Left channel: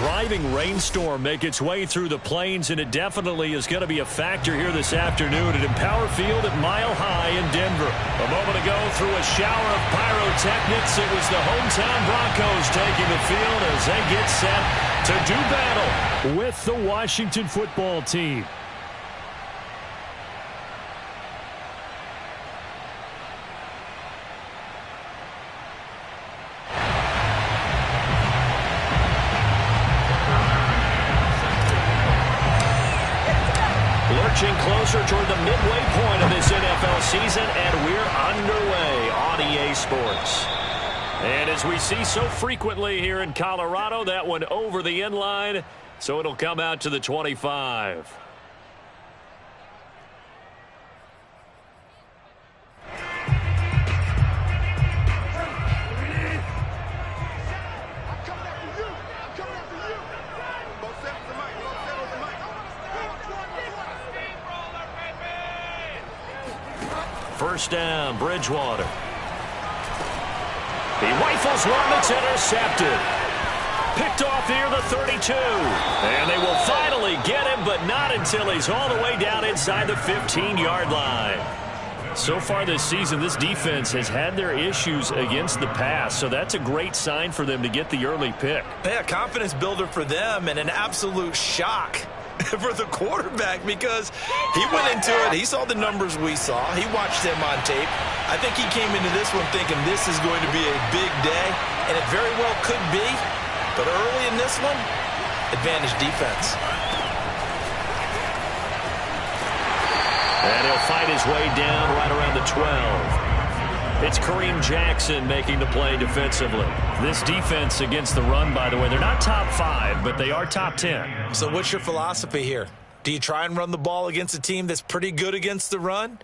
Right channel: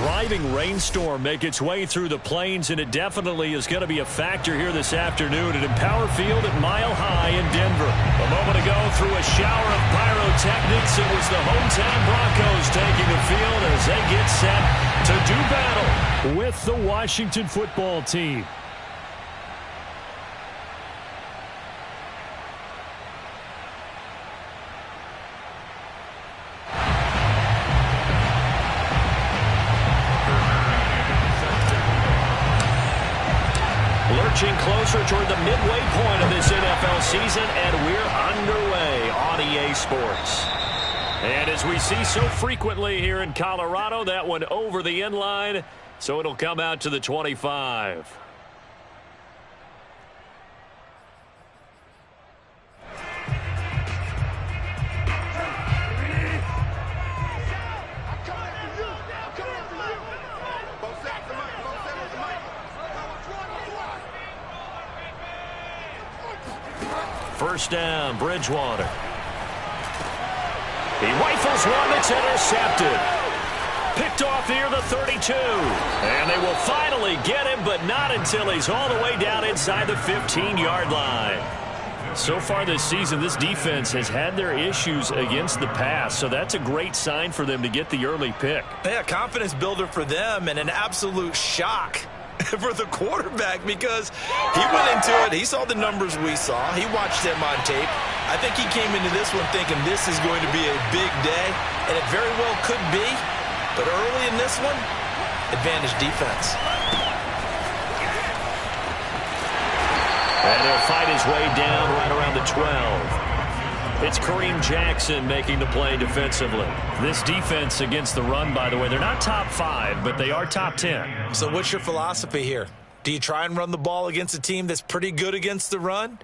driving rainstorm make its way through the plains, and it definitely is going to be a factor here this afternoon at Empower Field at Mile High in Denver. A moment ago, through a shower of pyrotechnics, it was the hometown Broncos taking the field as they get set to do battle with the Washington football team. Lurching closer toward the midway point of this NFL season, and we're underway on EA Sports. And as we see so frequently here in Colorado, that one over the end line, so it'll come out to the 25. First down, Bridgewater. He rifles one that's intercepted. Picked off near the 32. And they will finally get him, but not until he's all the way down inside the 15-yard line. So far this season, this defense has had their issues against the pass, so that's a great sign for them to get the early pick. Yeah, confidence builder for them and an absolute shock for the quarterback because he went into it. He saw the numbers we saw. He watched them on tape. I think he came into this one thinking this is going to be a big day, and it very well could be. But early in this one, advantage defense. And he'll fight his way down right around the 12. It's Kareem Jackson making the play defensively. This defense against the run, by the way, they're not top 5, but they are top 10. So what's your philosophy here? Do you try and run the ball against a team that's pretty good against the run?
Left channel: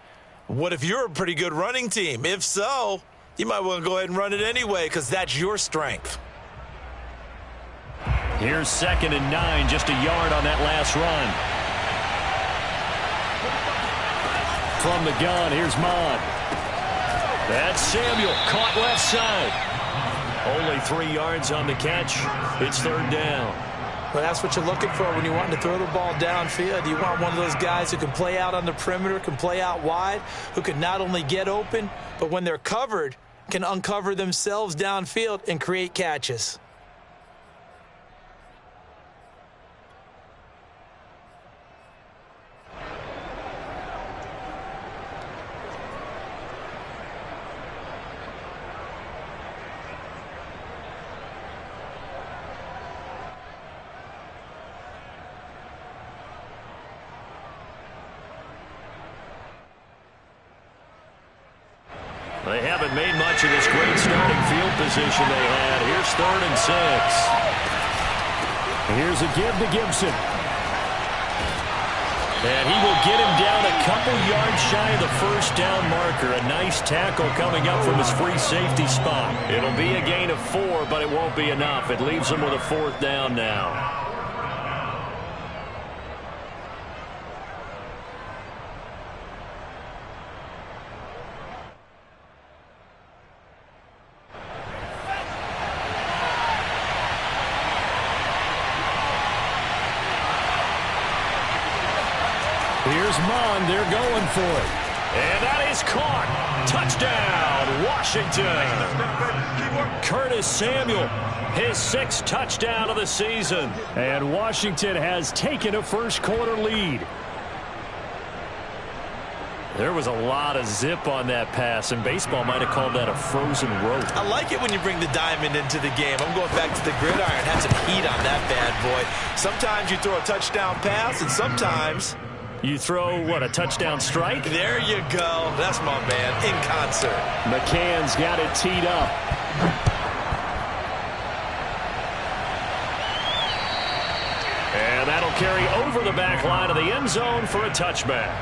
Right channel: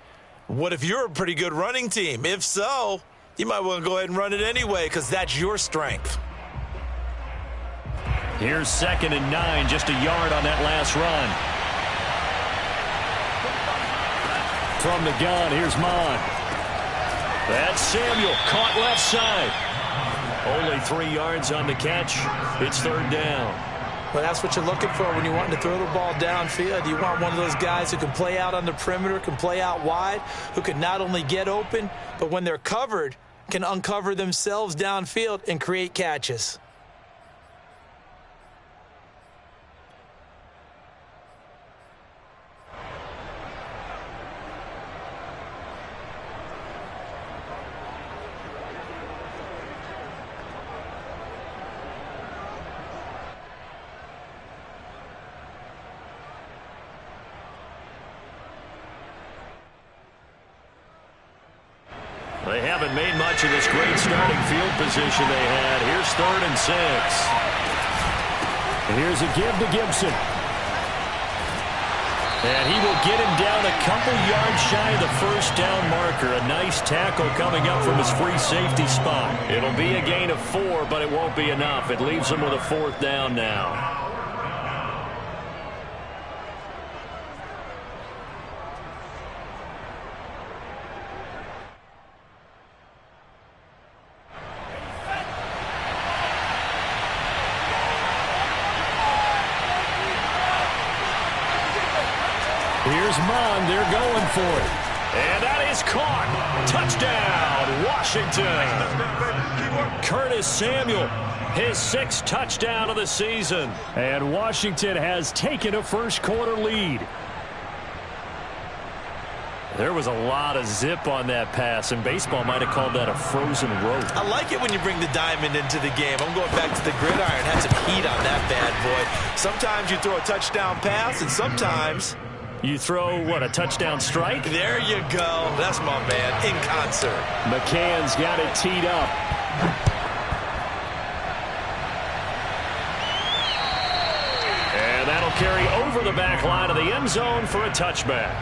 What if you're a pretty good running team? If so, you might want to go ahead and run it anyway because that's your strength. Here's 2nd and 9, just a yard on that last run. From the gun, here's Mond. That's Samuel, caught left side. Only 3 yards on the catch. It's 3rd down. Well, that's what you're looking for when you want to throw the ball downfield. You want one of those guys who can play out on the perimeter, can play out wide, who can not only get open, but when they're covered, can uncover themselves downfield and create catches. They haven't made much of this great starting field position they had. Here's 3rd and 6. Here's a give to Gibson. And he will get him down a couple yards shy of the first down marker. A nice tackle coming up from his free safety spot. It'll be a gain of 4, but it won't be enough. It leaves him with a 4th down now. Here's Mond. They're going for it. And that is caught. Touchdown, Washington. Curtis Samuel, his 6th touchdown of the season. And Washington has taken a first-quarter lead. There was a lot of zip on that pass, and baseball might have called that a frozen rope. I like it when you bring the diamond into the game. I'm going back to the gridiron. Had some heat on that bad boy. Sometimes you throw a touchdown pass, and sometimes you throw, what, a touchdown strike? There you go. That's my man, in concert. McCann's got it teed up. And that'll carry over the back line of the end zone for a touchback.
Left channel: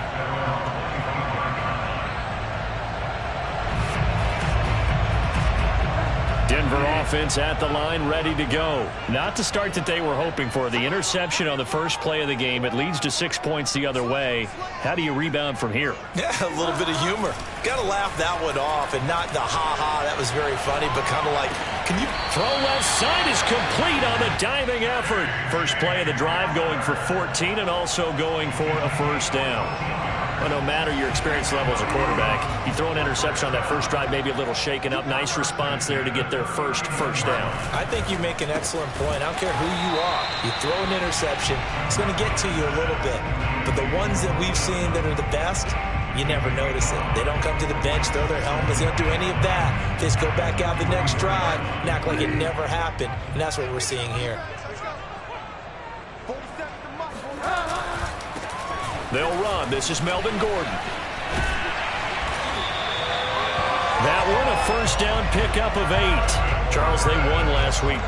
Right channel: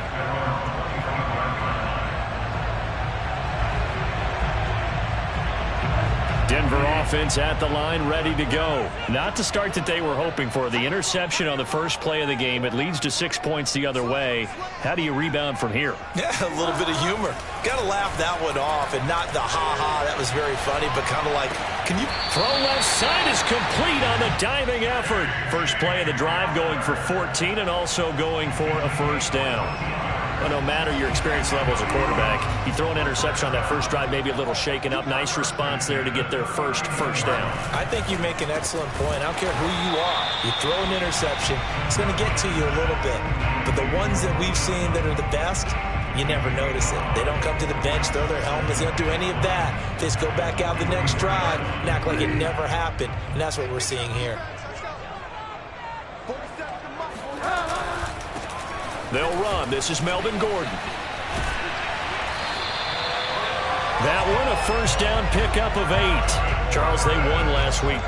Denver offense at the line, ready to go. Not the start that they were hoping for. The interception on the first play of the game. It leads to 6 points the other way. How do you rebound from here? Yeah, a little bit of humor. Got to laugh that one off, and not the ha-ha, that was very funny, but kind of like, can you... Throw left side is complete on the diving effort. First play of the drive going for 14 and also going for a first down. Well, no matter your experience level as a quarterback, you throw an interception on that first drive, maybe a little shaken up. Nice response there to get their first down. I think you make an excellent point. I don't care who you are. You throw an interception, it's going to get to you a little bit. But the ones that we've seen that are the best, you never notice it. They don't come to the bench, throw their helmets. They don't do any of that. They just go back out the next drive and act like it never happened. And that's what we're seeing here. They'll run. This is Melvin Gordon. That one, a first down pickup of 8. Charles, they won last week.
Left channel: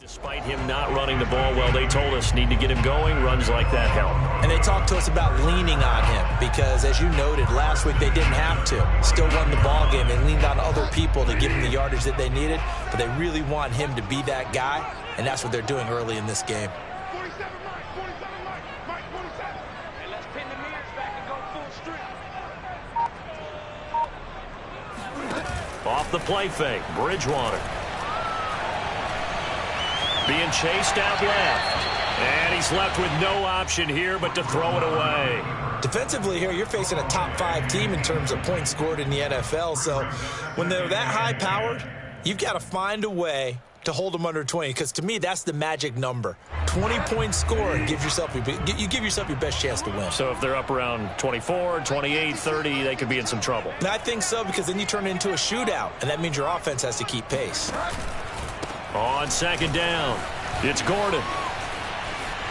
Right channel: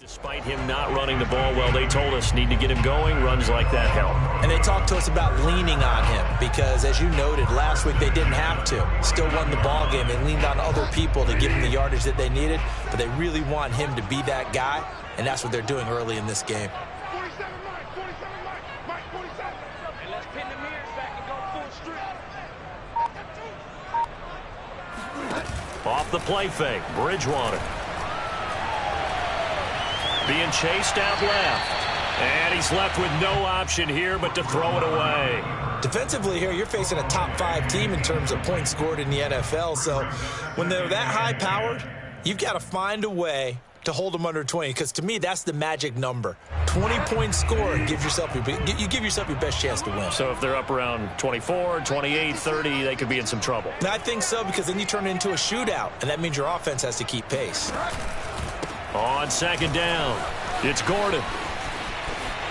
Despite him not running the ball well, they told us need to get him going. Runs like that help. And they talked to us about leaning on him because, as you noted, last week they didn't have to. Still won the ball game. They leaned on other people to give him the yardage that they needed, but they really want him to be that guy, and that's what they're doing early in this game. 47 Mike, 47. And let's pin the mirrors back and go full strip. Off the play fake, Bridgewater. Being chased out left. And he's left with no option here but to throw it away. Defensively here, you're facing a top-5 team in terms of points scored in the NFL. So when they're that high-powered, you've got to find a way to hold them under 20. Because to me, that's the magic number. 20 points scored gives yourself you give yourself your best chance to win. So if they're up around 24, 28, 30, they could be in some trouble. And I think so, because then you turn it into a shootout, and that means your offense has to keep pace. On second down, it's Gordon.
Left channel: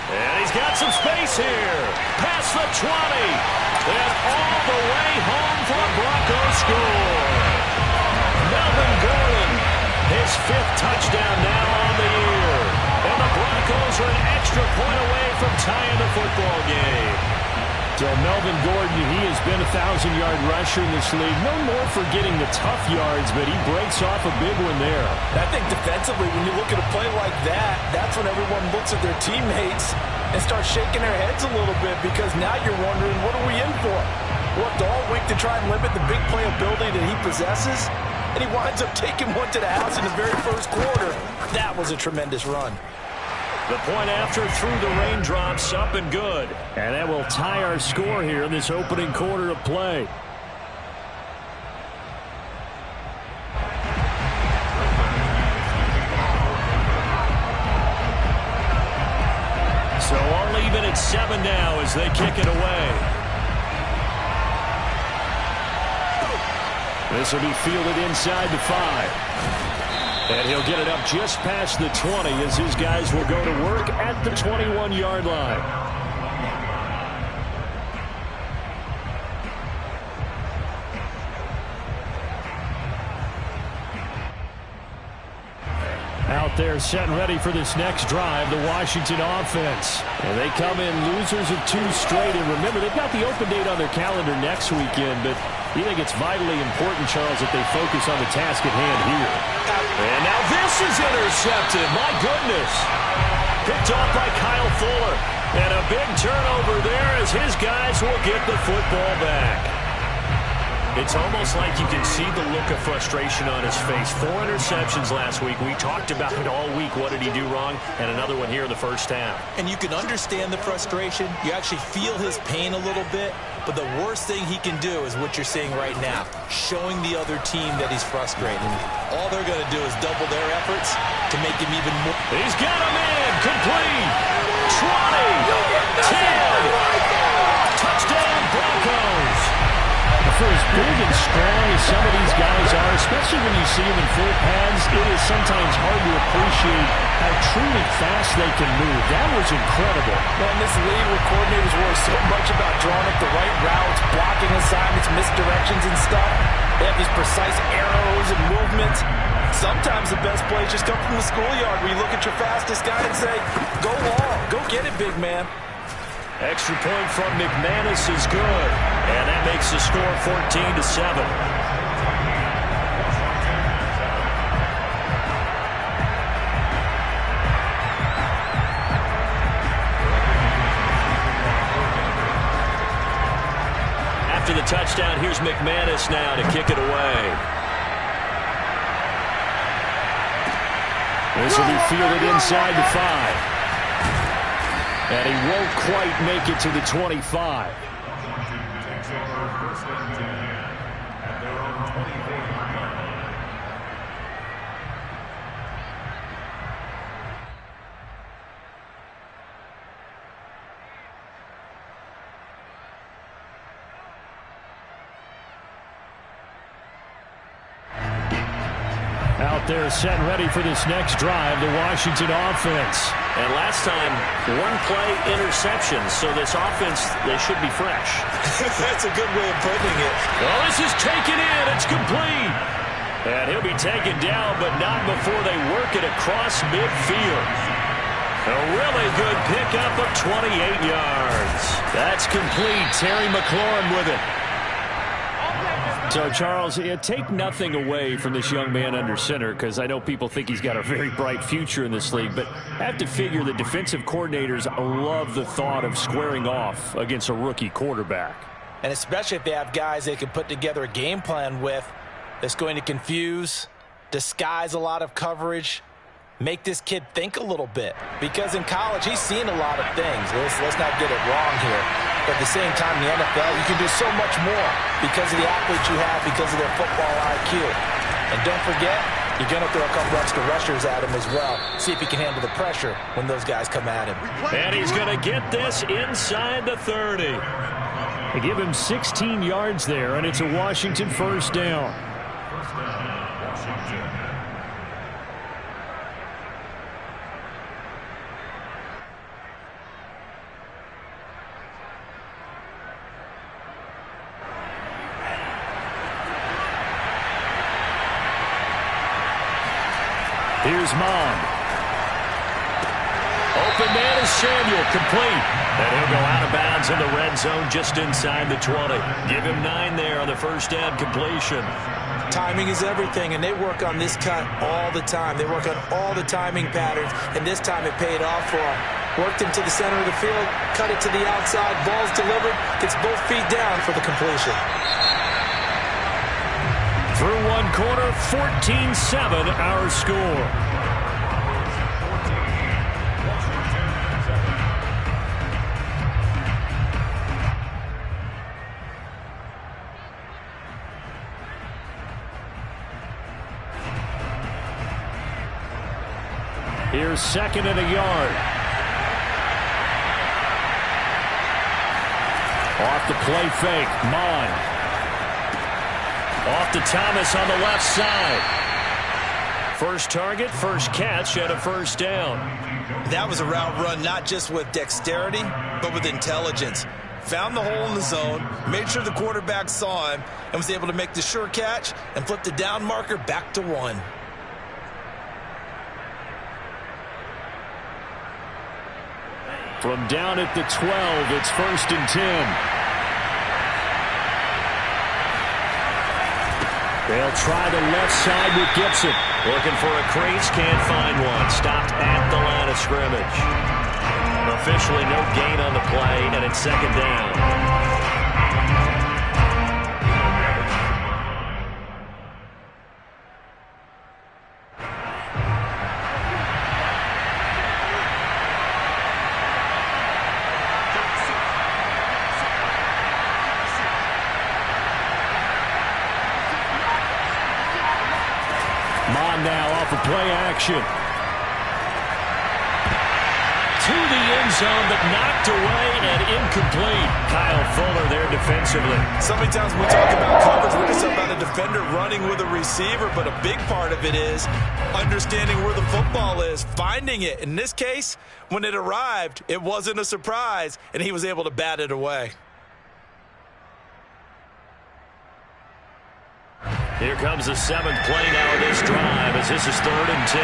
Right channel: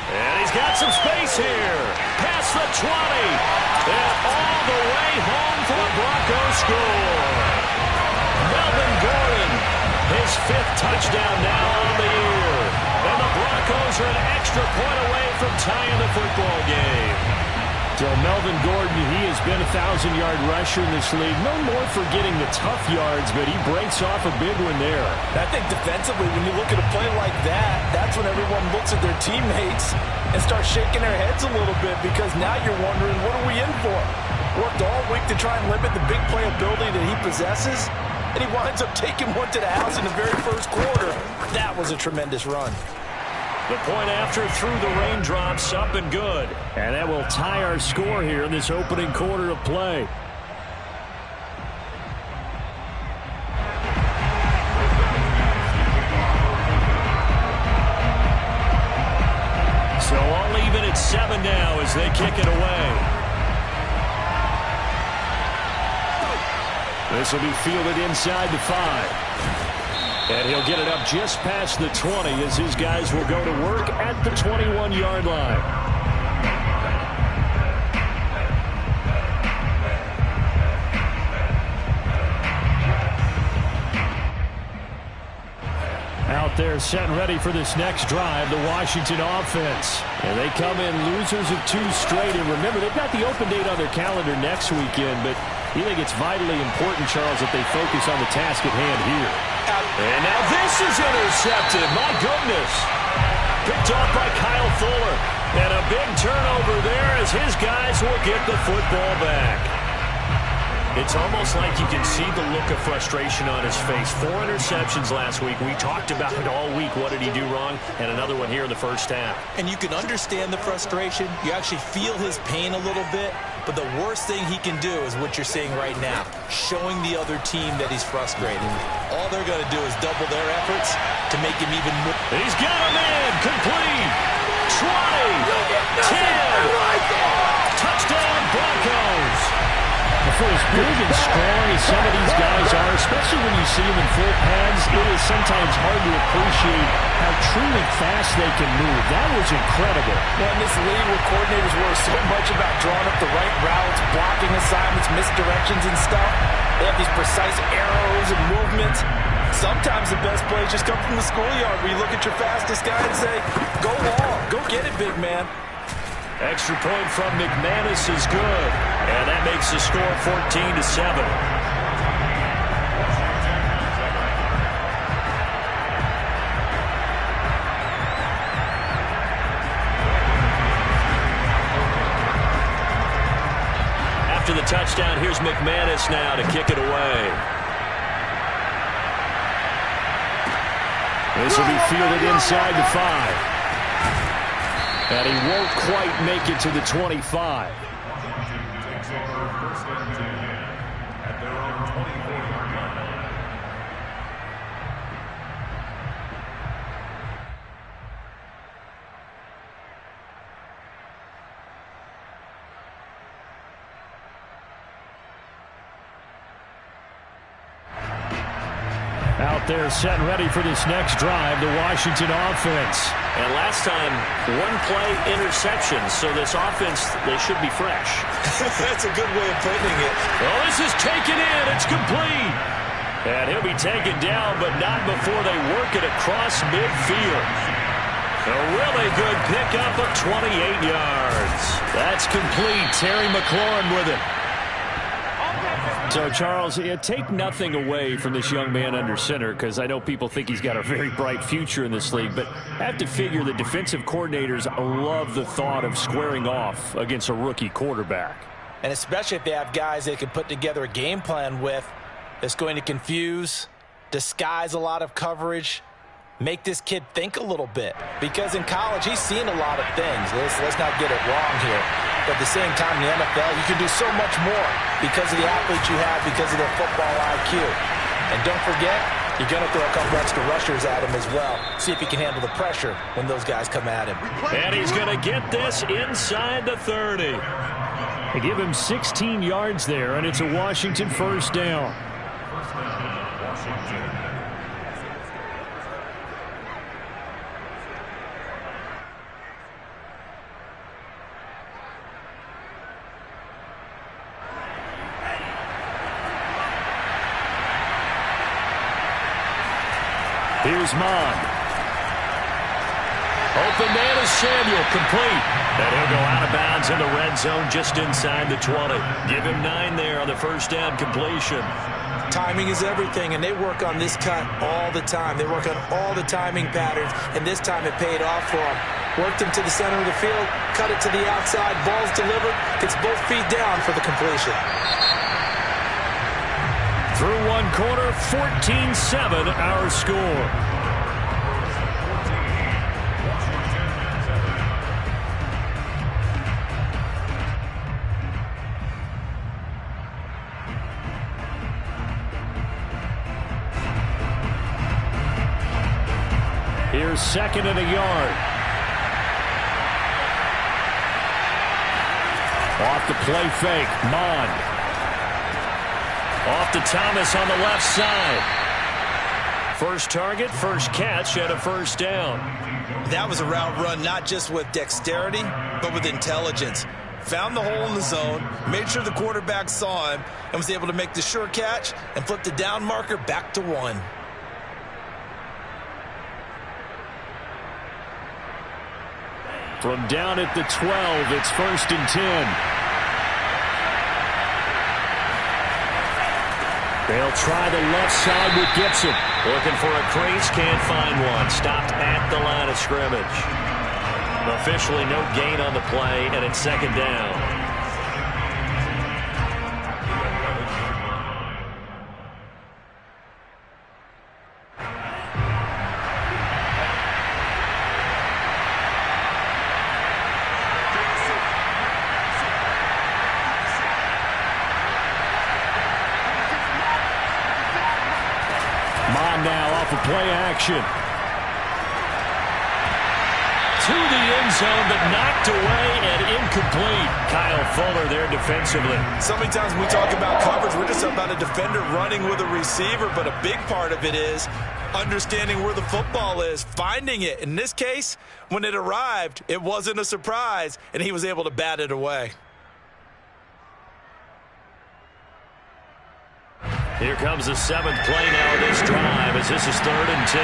And he's got some space here. Past the 20. And all the way home for a Broncos score. Melvin Gordon, his 5th touchdown now on the year. And the Broncos are an extra point away from tying the football game. So Melvin Gordon, he has been a 1,000-yard rusher in this league. Known more for getting the tough yards, but he breaks off a big one there. I think defensively, when you look at a play like that, that's when everyone looks at their teammates and starts shaking their heads a little bit, because now you're wondering, what are we in for? Worked all week to try and limit the big play ability that he possesses, and he winds up taking one to the house in the very first quarter. That was a tremendous run. The point after through the raindrops, up and good. And that will tie our score here in this opening quarter of play. So all even at 7 now as they kick it away. This will be fielded inside the 5. And he'll get it up just past the 20 as his guys will go to work at the 21-yard line. Out there set and ready for this next drive, the Washington offense. And they come in losers of 2 straight. And remember, they've got the open date on their calendar next weekend, but you think it's vitally important, Charles, that they focus on the task at hand here. And now this is intercepted. My goodness. Picked off by Kyle Fuller. And a big turnover there as his guys will get the football back. It's almost like you can see the look of frustration on his face. 4 interceptions last week. We talked about it all week. What did he do wrong? And another one here in the first half. And you can understand the frustration. You actually feel his pain a little bit. But the worst thing he can do is what you're seeing right now, showing the other team that he's frustrated. All they're going to do is double their efforts to make him even more. He's got him in. Complete. 20. 10. Touchdown, Broncos. For as big and strong as some of these guys are, especially when you see them in full pads, it is sometimes hard to appreciate how truly fast they can move. That was incredible. Well, in this league where coordinators worry so much about drawing up the right routes, blocking assignments, misdirections and stuff, They have these precise arrows and movements. Sometimes the best plays just come from the schoolyard where you look at your fastest guy and say, go long, go get it, big man. Extra point from McManus is good. And that makes the score 14-7. After the touchdown, here's McManus now to kick it away. This will be fielded inside the 5. And he won't quite make it to the 25. Washington takes over first and 10 at their own 24-yard line. Out there set and ready for this next drive, the Washington offense. And last time, one play interception, so this offense, they should be fresh. That's a good way of putting it. Well, this is taken in. It's complete. And he'll be taken down, but not before they work it across midfield. A really good pickup of 28 yards. That's complete. Terry McLaurin with it. So, Charles, take nothing away from this young man under center, because I know people think he's got a very bright future in this league, but I have to figure the defensive coordinators love the thought of squaring off against a rookie quarterback. And especially if they have guys they can put together a game plan with that's going to confuse, disguise a lot of coverage, make this kid think a little bit. Because in college, he's seen a lot of things. Let's not get it wrong here. But at the same time, in the NFL, you can do so much more because of the athletes you have, because of their football IQ. And don't forget, you're going to throw a couple extra rushers at him as well. See if he can handle the pressure when those guys come at him. And he's going to get this inside the 30. They give him 16 yards there, and it's a Washington first down. First down, Washington. Here's Mond. Open man is Samuel, complete. And he'll go out of bounds in the red zone just inside the 20. Give him 9 there on the first down completion. Timing is everything, and they work on this cut all the time. They work on all the timing patterns, and this time it paid off for them. Worked him to the center of the field, cut it to the outside, ball's delivered, gets both feet down for the completion. Through one quarter, 14-7 our score. Here's second and a yard. Off the play fake, Mond. Off to Thomas on the left side. First target, first catch, and a first down. That was a route run not just with dexterity, but with intelligence. Found the hole in the zone, made sure the quarterback saw him, and was able to make the sure catch and flip the down marker back to 1. From down at the 12, it's first and 10. They'll try the left side with Gibson. Looking for a crease, can't find one. Stopped at the line of scrimmage. Officially no gain on the play, and it's second down. Mond now off of play action. To the end zone, but knocked away and incomplete. Kyle Fuller there defensively. So many times when we talk about coverage, we're just about a defender running with a receiver, but a big part of it is understanding where the football is, finding it. In this case, when it arrived, it wasn't a surprise, and he was able to bat it away. Here comes the 7th play now of this drive as this is 3rd and 10.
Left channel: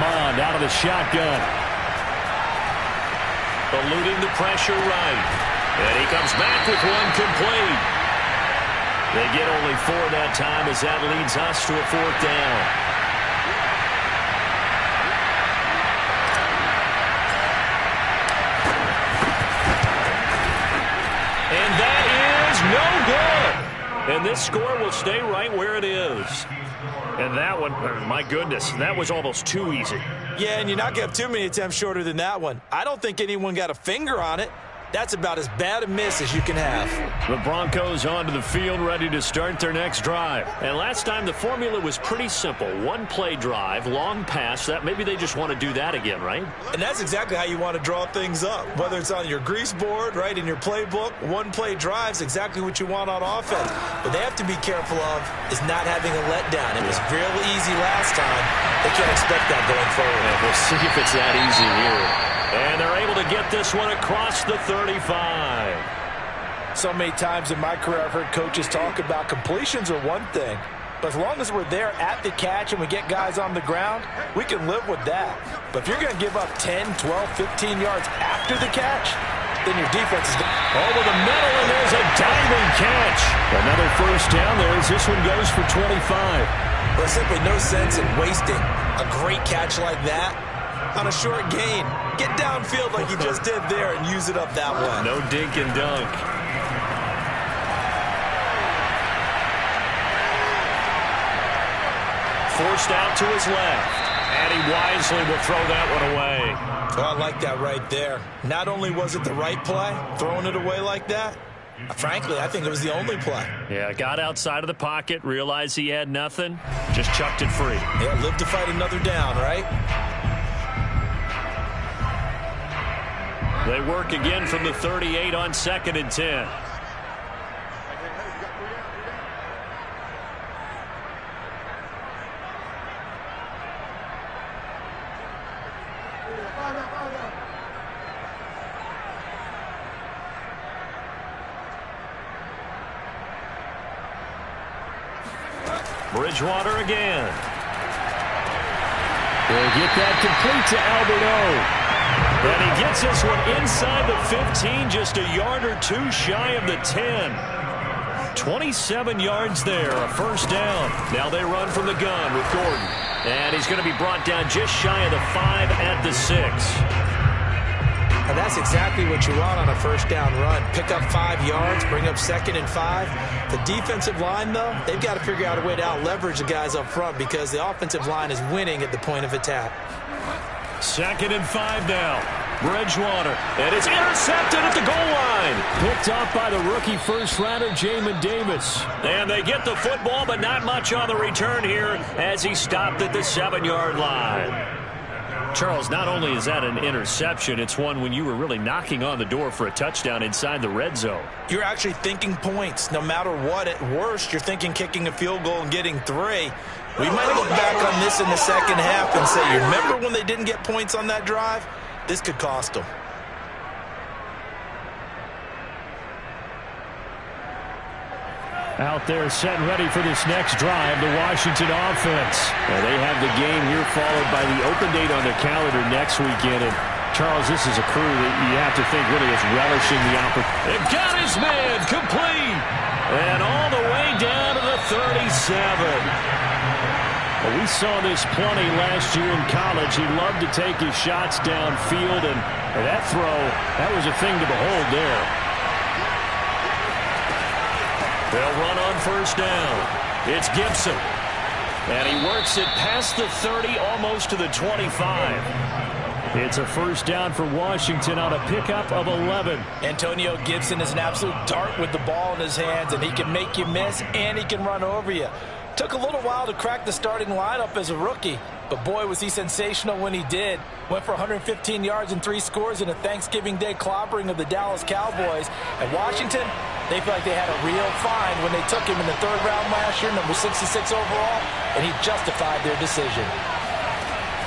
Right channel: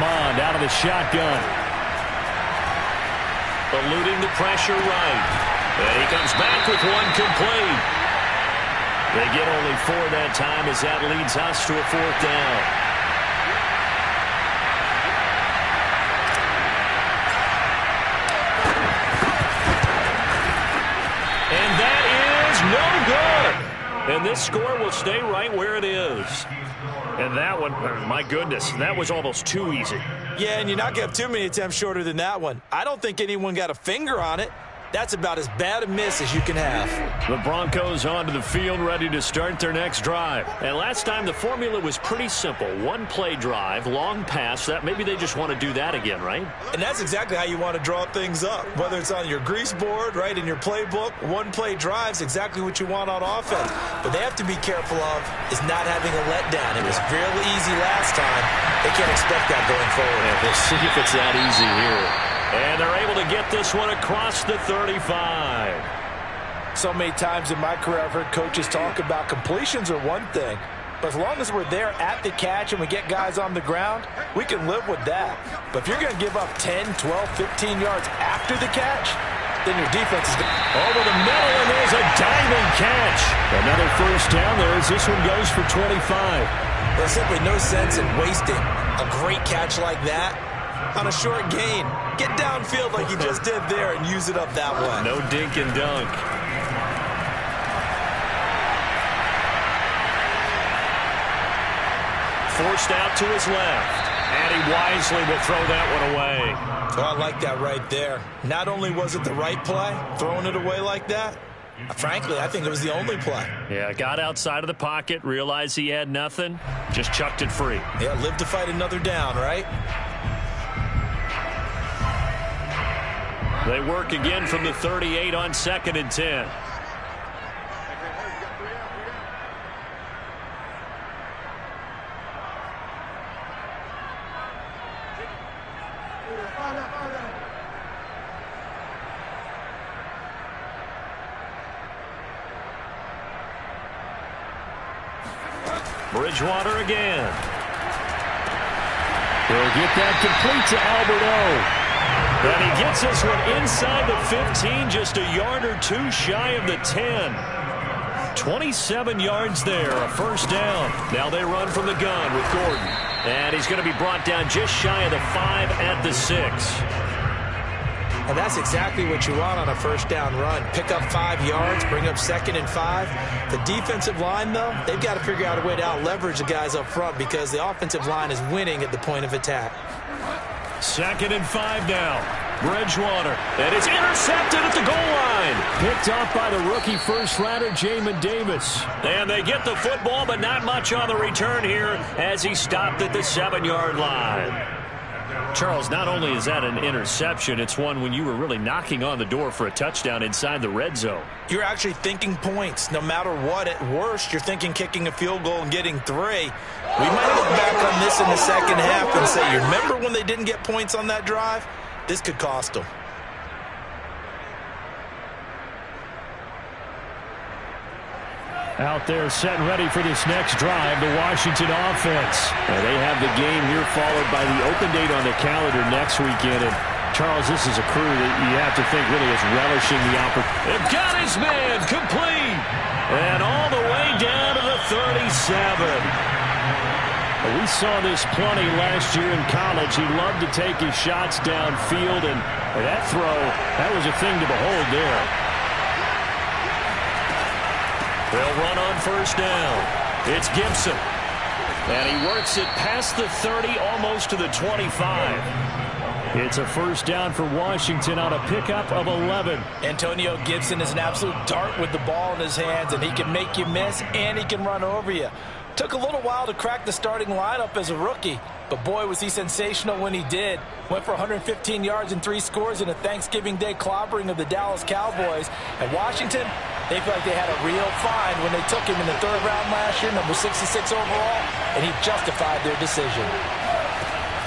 Mond out of the shotgun. Eluding the pressure right. And he comes back with one complete. They get only 4 that time as that leads us to a 4th down. And that is no good. And this score will stay right where it is. And that one, my goodness, that was almost too easy. Yeah, and you're not going to have too many attempts shorter than that one. I don't think anyone got a finger on it. That's about as bad a miss as you can have. The Broncos onto the field, ready to start their next drive. And last time the formula was pretty simple. 1-play drive, long pass. That maybe they just want to do that again, right? And that's exactly how you want to draw things up. Whether it's on your grease board, right, in your playbook, 1-play drive's exactly what you want on offense. But they have to be careful of is not having a letdown. It was real easy last time. They can't expect that going forward. And we'll see if it's that easy here. And they're able to get this one across the 35. So many times in my career I've heard coaches talk about completions are one thing. But as long as we're there at the catch and we get guys on the ground, we can live with that. But if you're going to give up 10, 12, 15 yards after the catch, then your defense is over the middle, and there's a diving catch. Another 1st down there as this one goes for 25. There's simply no sense in wasting a great catch like that on a short gain. Get downfield like you just did there and use it up that way. No dink and dunk. Forced out to his left. And he wisely will throw that one away. Oh, I like that right there. Not only was it the right play, throwing it away like that, frankly, I think it was the only play. Yeah, got outside of the pocket, realized he had nothing, just chucked it free. Yeah, live to fight another down, right? They work again from the 38 on 2nd and 10. Bridgewater again. He'll get that complete to Alberto. And he gets this one inside the 15, just a yard or two shy of the 10. 27 yards there, a 1st down. Now they run from the gun with Gordon. And he's going to be brought down just shy of the 5 at the 6. And that's exactly what you want on a 1st down run. Pick up 5 yards, bring up 2nd and 5. The defensive line, though, they've got to figure out a way to out-leverage the guys up front because the offensive line is winning at the point of attack. 2nd and 5 now. Bridgewater. And it's intercepted at the goal line. Picked off by the rookie first-rounder, Jamin Davis. And they get the football, but not much on the return here as he stopped at the 7-yard line. Charles, not only is that an interception, it's one when you were really knocking on the door for a touchdown inside the red zone. You're actually thinking points. No matter what, at worst, you're thinking kicking a field goal and getting 3. We might look back on this in the 2nd half and say, you remember when they didn't get points on that drive? This could cost them. Out there set and ready for this next drive, the Washington offense. They have the game here followed by the open date on their calendar next weekend. And Charles, this is a crew that you have to think really is relishing the opportunity. Got his man complete. And all the way down to the 37. Well, we saw this plenty last year in college. He loved to take his shots downfield. And that throw, that was a thing to behold there. They'll run on 1st down. It's Gibson. And he works it past the 30, almost to the 25. It's a 1st down for Washington on a pickup of 11. Antonio Gibson is an absolute dart with the ball in his hands, and he can make you miss, and he can run over you. Took a little while to crack the starting lineup as a rookie, but boy, was he sensational when he did. Went for 115 yards and 3 scores in a Thanksgiving Day clobbering of the Dallas Cowboys. And Washington, they feel like they had a real find when they took him in the 3rd round last year, number 66 overall, and he justified their decision.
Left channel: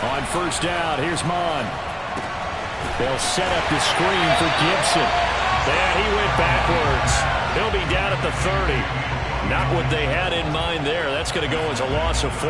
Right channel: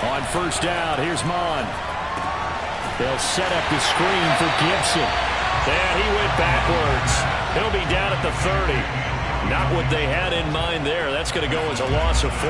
On 1st down, here's Mon. They'll set up the screen for Gibson. And he went backwards. He'll be down at the 30. Not what they had in mind there. That's going to go as a loss of 4.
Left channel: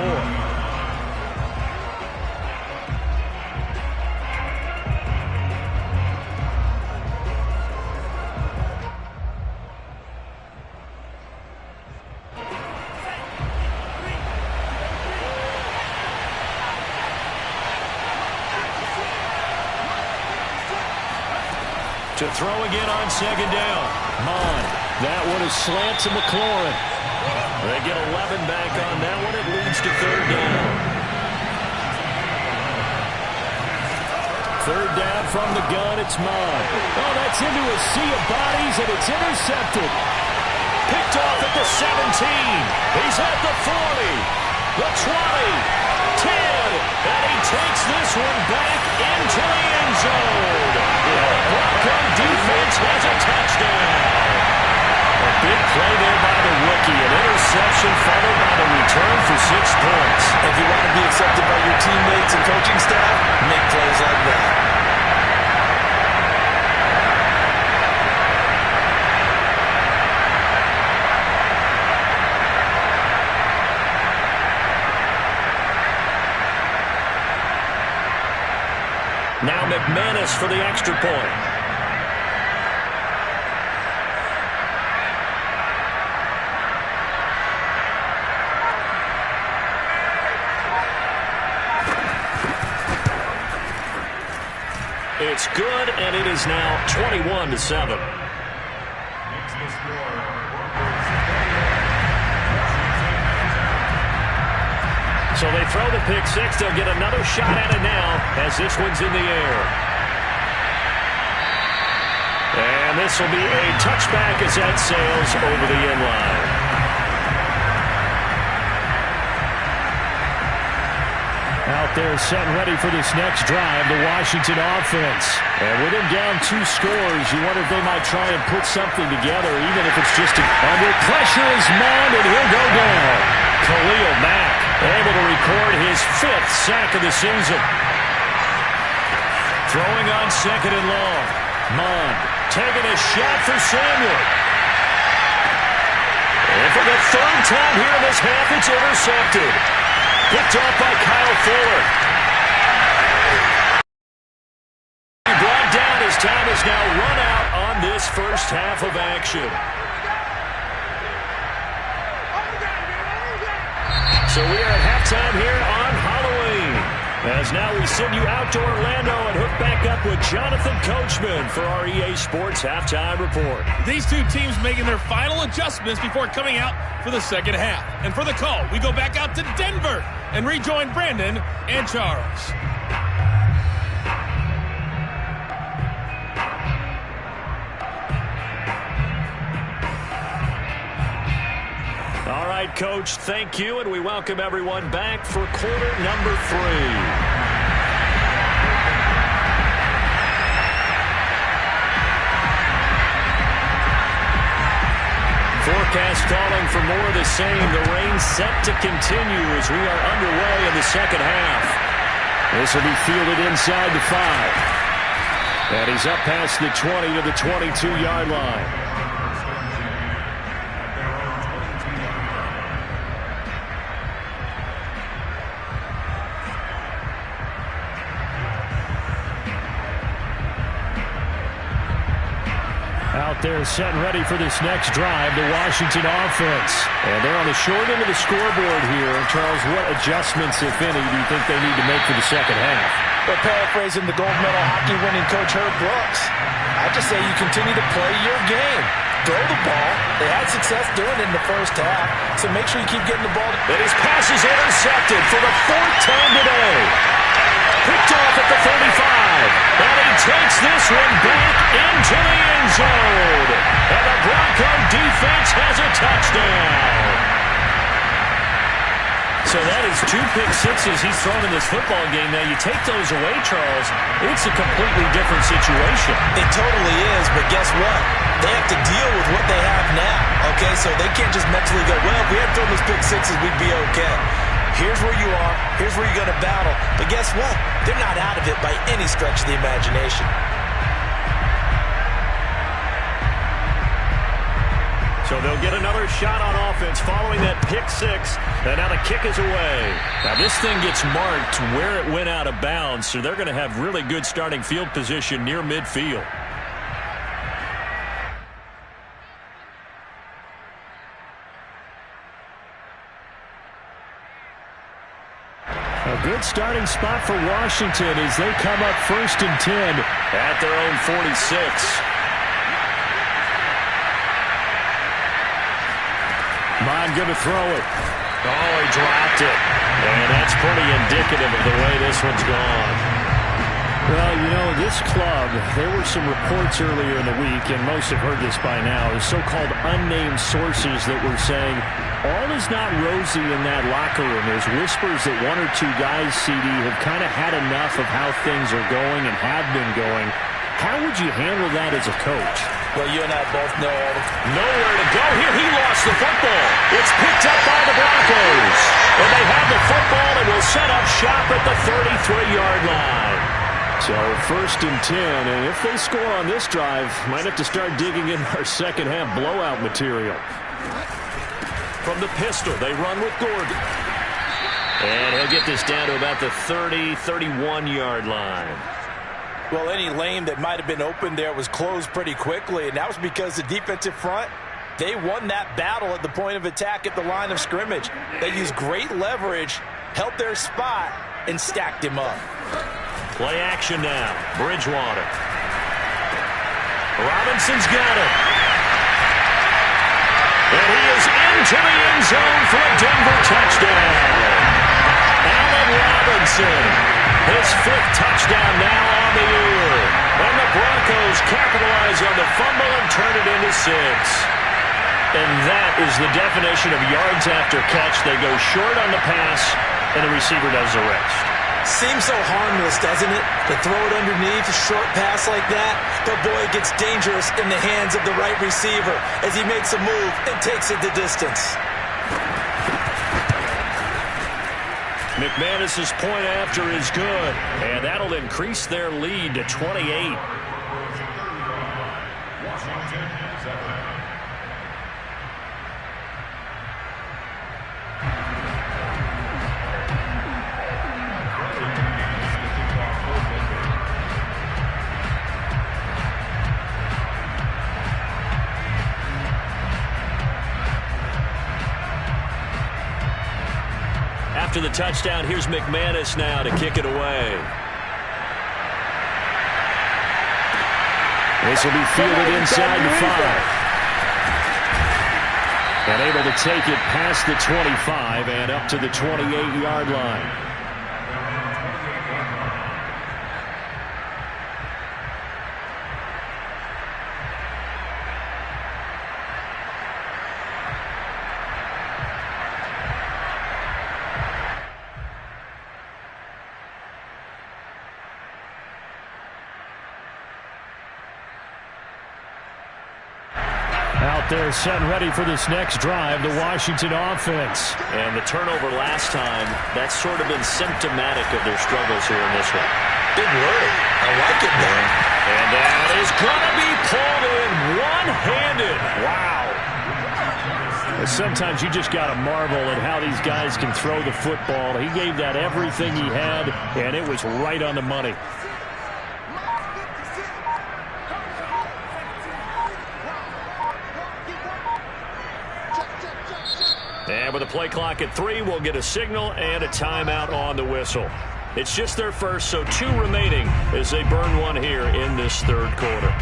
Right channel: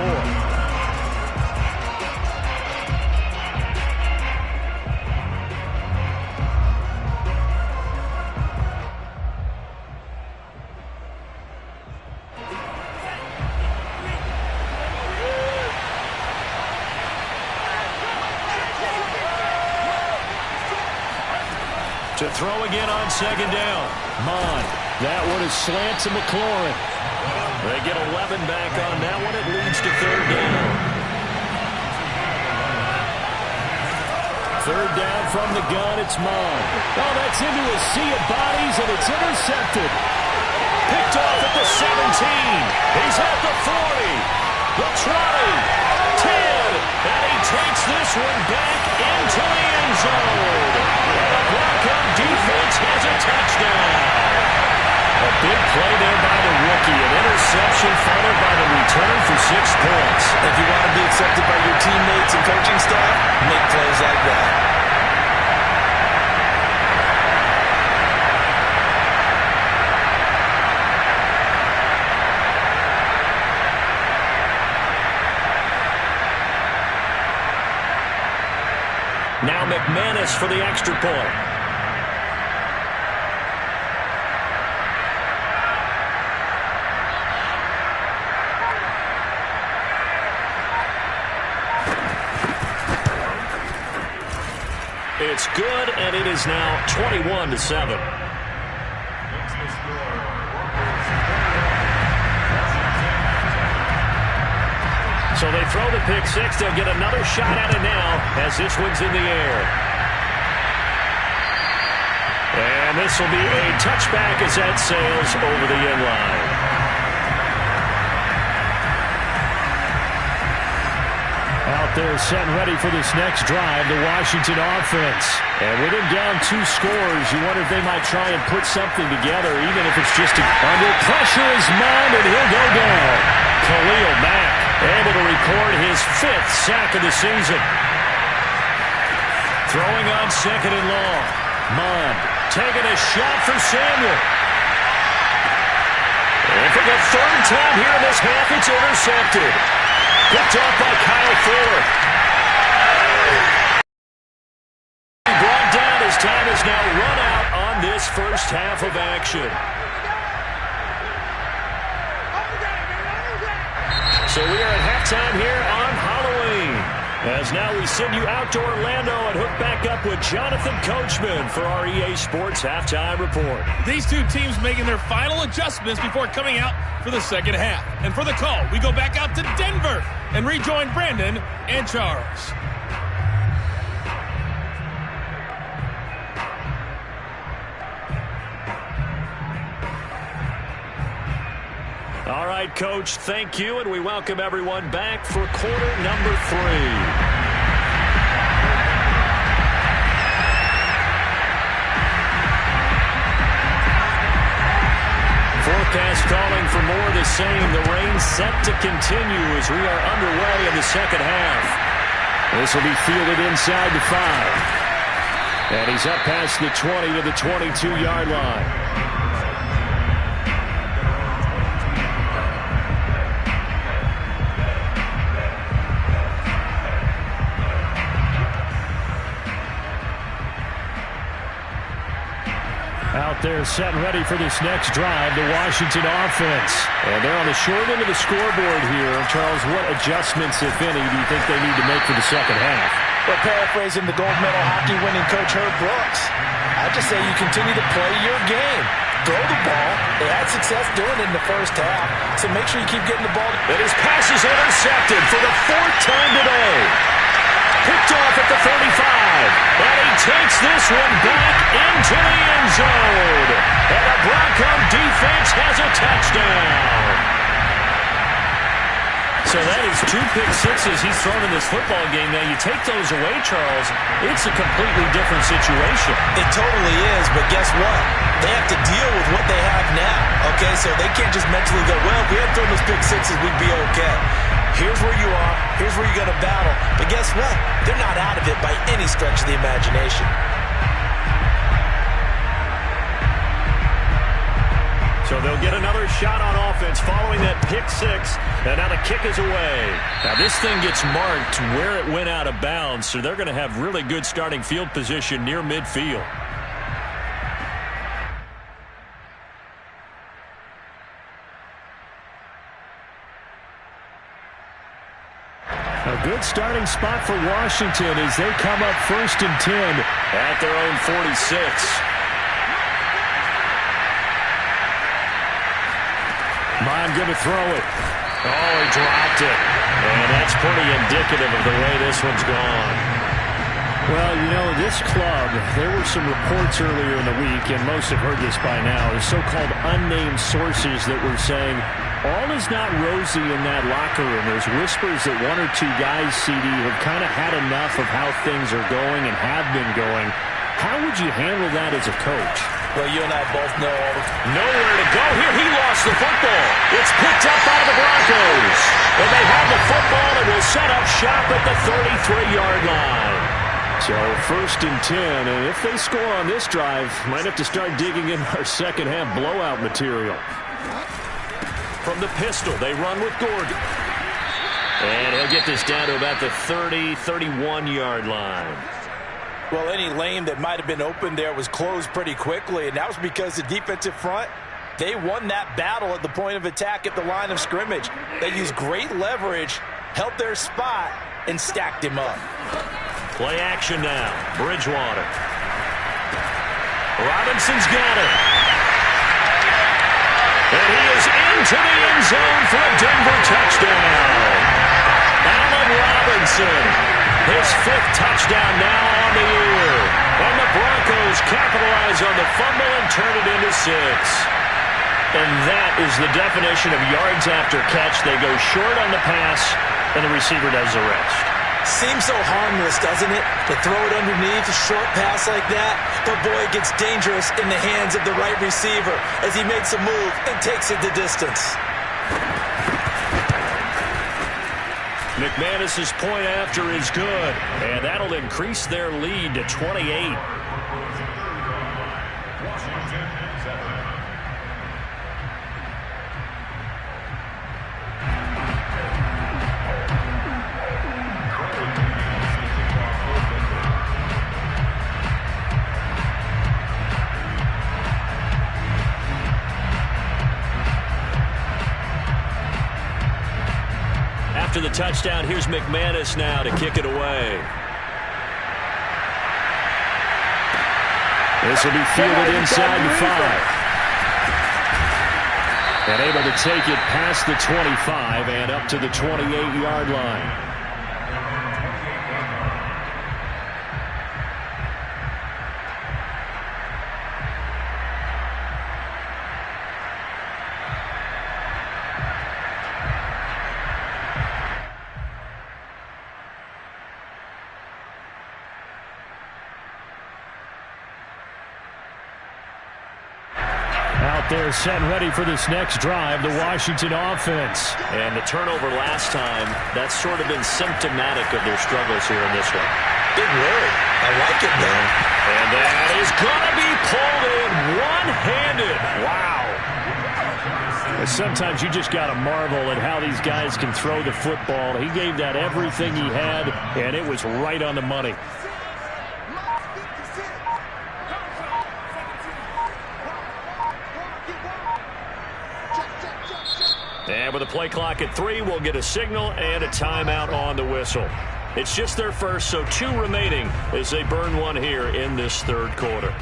To throw again on second down. Mond. That one is slant to McLaurin. They get 11 back on that one. It leads to third down. Third down from the gun. It's Mond. Oh, that's into a sea of bodies, and it's intercepted. Picked off at the 17. He's at the 40. The 20. 10, and he takes this one back into the end zone. And the Bronco defense has a touchdown. A big play there by the rookie. An interception followed by the return for 6 points. If you want to be accepted by your teammates and coaching staff, make plays like that. Now McManus for the extra point. It's good, and it is now 21-7. So they throw the pick six. They'll get another shot at it now as this one's in the air. And this will be a touchback as that sails over the end line. Out there set and ready for this next drive, the Washington offense. And with him down 2 scores, you wonder if they might try and put something together, even if it's just under pressure is Mond, and he'll go down. Khalil Mack able to record his 5th sack of the season. Throwing on second and long. Mond taking a shot for Samuel. And for the 3rd time here in this half, it's intercepted. Picked off by Kyle Fuller. He brought down. His time is now run out on this first half of action. So we are at halftime here on Halloween. As now we send you out to Orlando and hook back up with Jonathan Coachman for our EA Sports Halftime Report. These two teams making their final adjustments before coming out for the second half. And for the call, we go back out to Denver and rejoin Brandon and Charles. All right, Coach, thank you, and we welcome everyone back for quarter number 3. Forecast calling for more of the same. The rain set to continue as we are underway in the second half. This will be fielded inside the 5. And he's up past the 20 to the 22-yard line. Out there set and ready for this next drive, the Washington offense. And they're on the short end of the scoreboard here. Charles, what adjustments, if any, do you think they need to make for the second half? Well, paraphrasing the gold medal hockey winning coach Herb Brooks, I just say you continue to play your game. Throw the ball. They had success doing it in the first half, so make sure you keep getting the ball. And his pass is intercepted for the 4th time today. Picked off at the 35. And he takes this one back into the end zone. And the Bronco defense has a touchdown. So that is 2 pick sixes he's thrown in this football game. Now, you take those away, Charles, it's a completely different situation. It totally is, but guess what? They have to deal with what they have now, okay? So they can't just mentally go, well, if we had thrown those pick sixes, we'd be okay. Here's where you are. Here's where you're going to battle. But guess what? They're not out of it by any stretch of the imagination. So they'll get another shot on offense following that pick six. And now the kick is away. Now this thing gets marked where it went out of bounds, so they're going to have really good starting field position near midfield. A good starting spot for Washington as they come up 1st and 10 at their own 46. Mon going to throw it. Oh, he dropped it. And that's pretty indicative of the way this one's gone. Well, you know, this club, there were some reports earlier in the week, and most have heard this by now, the so-called unnamed sources that were saying all is not rosy in that locker room. There's whispers that one or two guys, CD, have kind of had enough of how things are going and have been going. How would you handle that as a coach? Well, you and I both know nowhere to go here. He lost the football. It's picked up by the Broncos. And they have the football and will set up shop at the 33-yard line. So 1st and 10, and if they score on this drive, might have to start digging in our second half blowout material. From the pistol, they run with Gordon. And he'll get this down to about the 30, 31-yard line. Well, any lane that might have been open there was closed pretty quickly, and that was because the defensive front, they won that battle at the point of attack at the line of scrimmage. They used great leverage, held their spot, and stacked him up. Play action now. Bridgewater. Robinson's got it. And he is into the end zone for a Denver touchdown. Allen Robinson. His 5th touchdown now on the year. And the Broncos capitalize on the fumble and turn it into 6. And that is the definition of yards after catch. They go short on the pass, and the receiver does the rest. Seems so harmless, doesn't it? To throw it underneath a short pass like that. But, boy, it gets dangerous in the hands of the right receiver as he makes a move and takes it the distance. McManus's point after is good, and that'll increase their lead to 28. Washington 7. After the touchdown, here's McManus now to kick it away. This will be fielded inside the 5. And able to take it past the 25 and up to the 28-yard line. Out there set and ready for this next drive, the Washington offense. And the turnover last time, that's sort of been symptomatic of their struggles here in this one. Big word. I like it, man. And that is going to be pulled in one-handed. Wow. Sometimes you just got to marvel at how these guys can throw the football. He gave that everything he had, and it was right on the money. And with a play clock at 3, we'll get a signal and a timeout on the whistle. It's just their first, so 2 remaining as they burn one here in this 3rd quarter.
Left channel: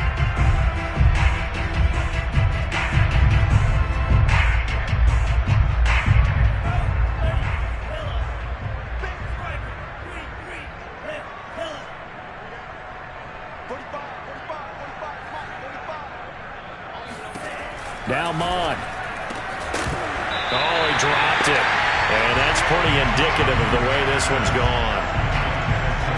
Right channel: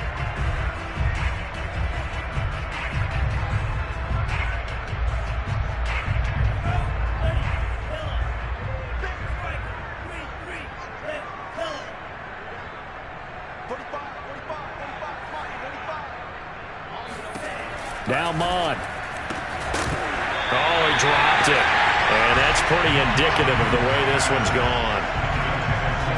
Now Mon. Oh, he dropped it. And that's pretty indicative of the way this one's gone.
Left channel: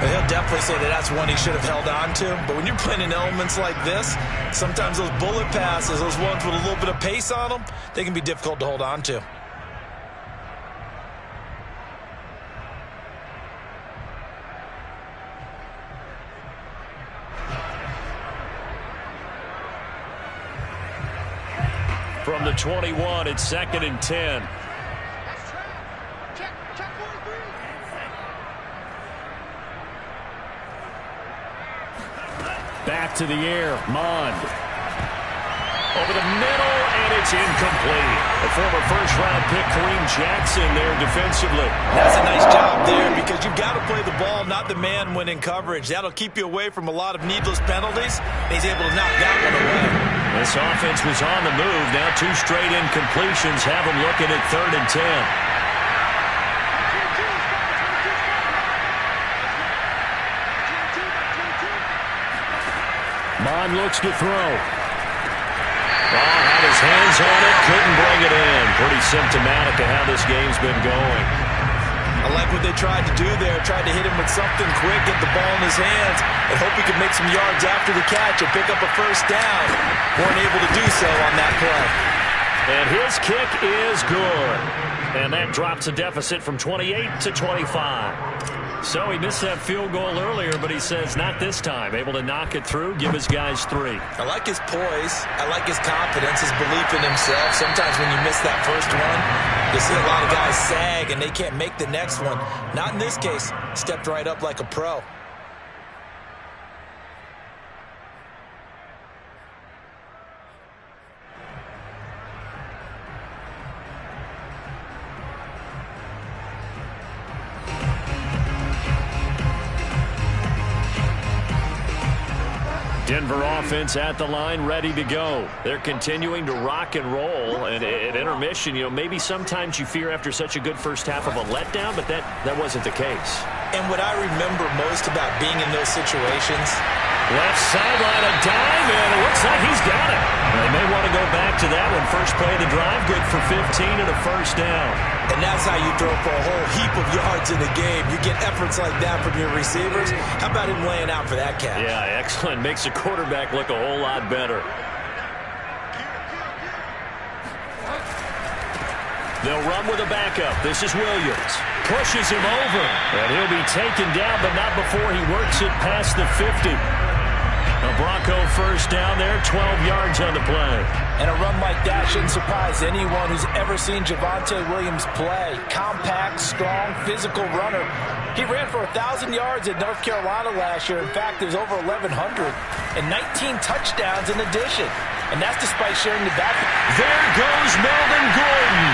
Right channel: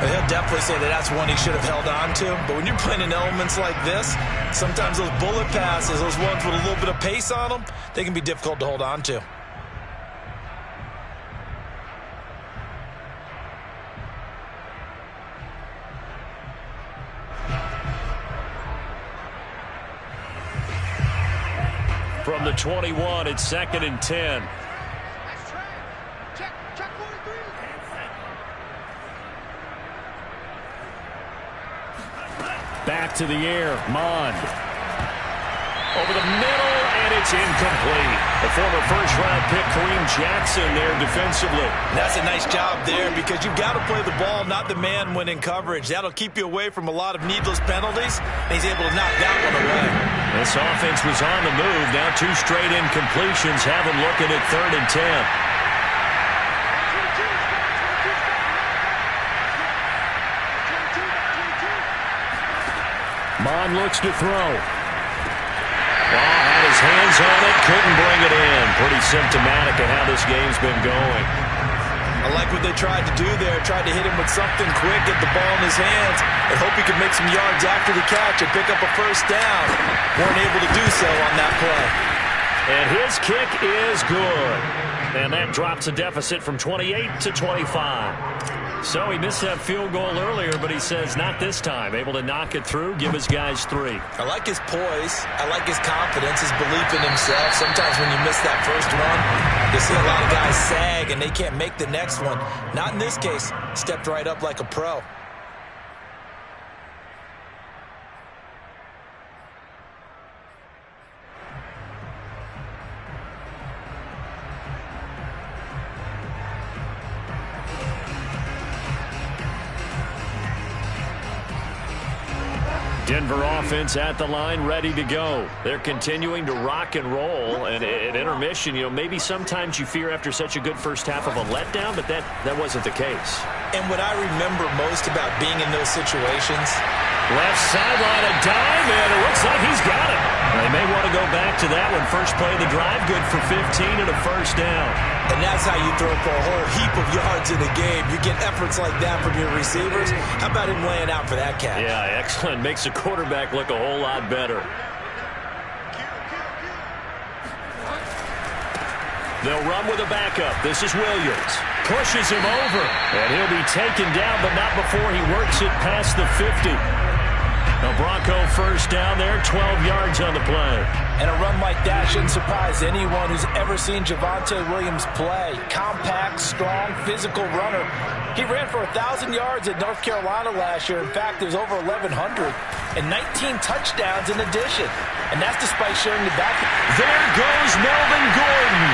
He'll definitely say that that's one he should have held on to. But when you're playing in elements like this, sometimes those bullet passes, those ones with a little bit of pace on them, they can be difficult to hold on to. From the 21. It's 2nd and 10. That's track. Check 43. Back to the air. Mond. Over the middle, and it's incomplete. The former first-round pick, Kareem Jackson, there defensively. That's a nice job there because you've got to play the ball, not the man when in coverage. That'll keep you away from a lot of needless penalties. He's able to knock that one away. This offense was on the move. Now 2 straight incompletions have them looking at 3rd and 10. Mond looks to throw. Had his hands on it, couldn't bring it in. Pretty symptomatic of how this game's been going. I like what they tried to do there. Tried to hit him with something quick, get the ball in his hands, and hope he could make some yards after the catch and pick up a first down. Weren't able to do so on that play. And his kick is good. And that drops the deficit from 28 to 25. So he missed that field goal earlier, but he says not this time. Able to knock it through, give his guys 3. I like his poise. I like his confidence, his belief in himself. Sometimes when you miss that first one, you see a lot of guys sag and they can't make the next one. Not in this case. Stepped right up like a pro. Denver offense at the line, ready to go. They're continuing to rock and roll. And at intermission, maybe sometimes you fear after such a good first half of a letdown, but that wasn't the case. And what I remember most about being in those situations, left sideline, a dive, and it looks like he's got it. They may want to go back to that one. First play of the drive, good for 15 and a first down. and that's how you throw for a whole heap of yards in a game. You get efforts like that from your receivers. How about him laying out for that catch? Yeah, excellent. Makes the quarterback look a whole lot better. They'll run with a backup. This is Williams. Pushes him over. And he'll be taken down, but not before he works it past the 50. A Bronco first down there, 12 yards on the play. And a run like that shouldn't surprise anyone who's ever seen Javonte Williams play. Compact, strong, physical runner. He ran for 1,000 yards at North Carolina last year. In fact, there's over 1,100 and 19 touchdowns in addition. And that's despite sharing the back. There goes Melvin Gordon.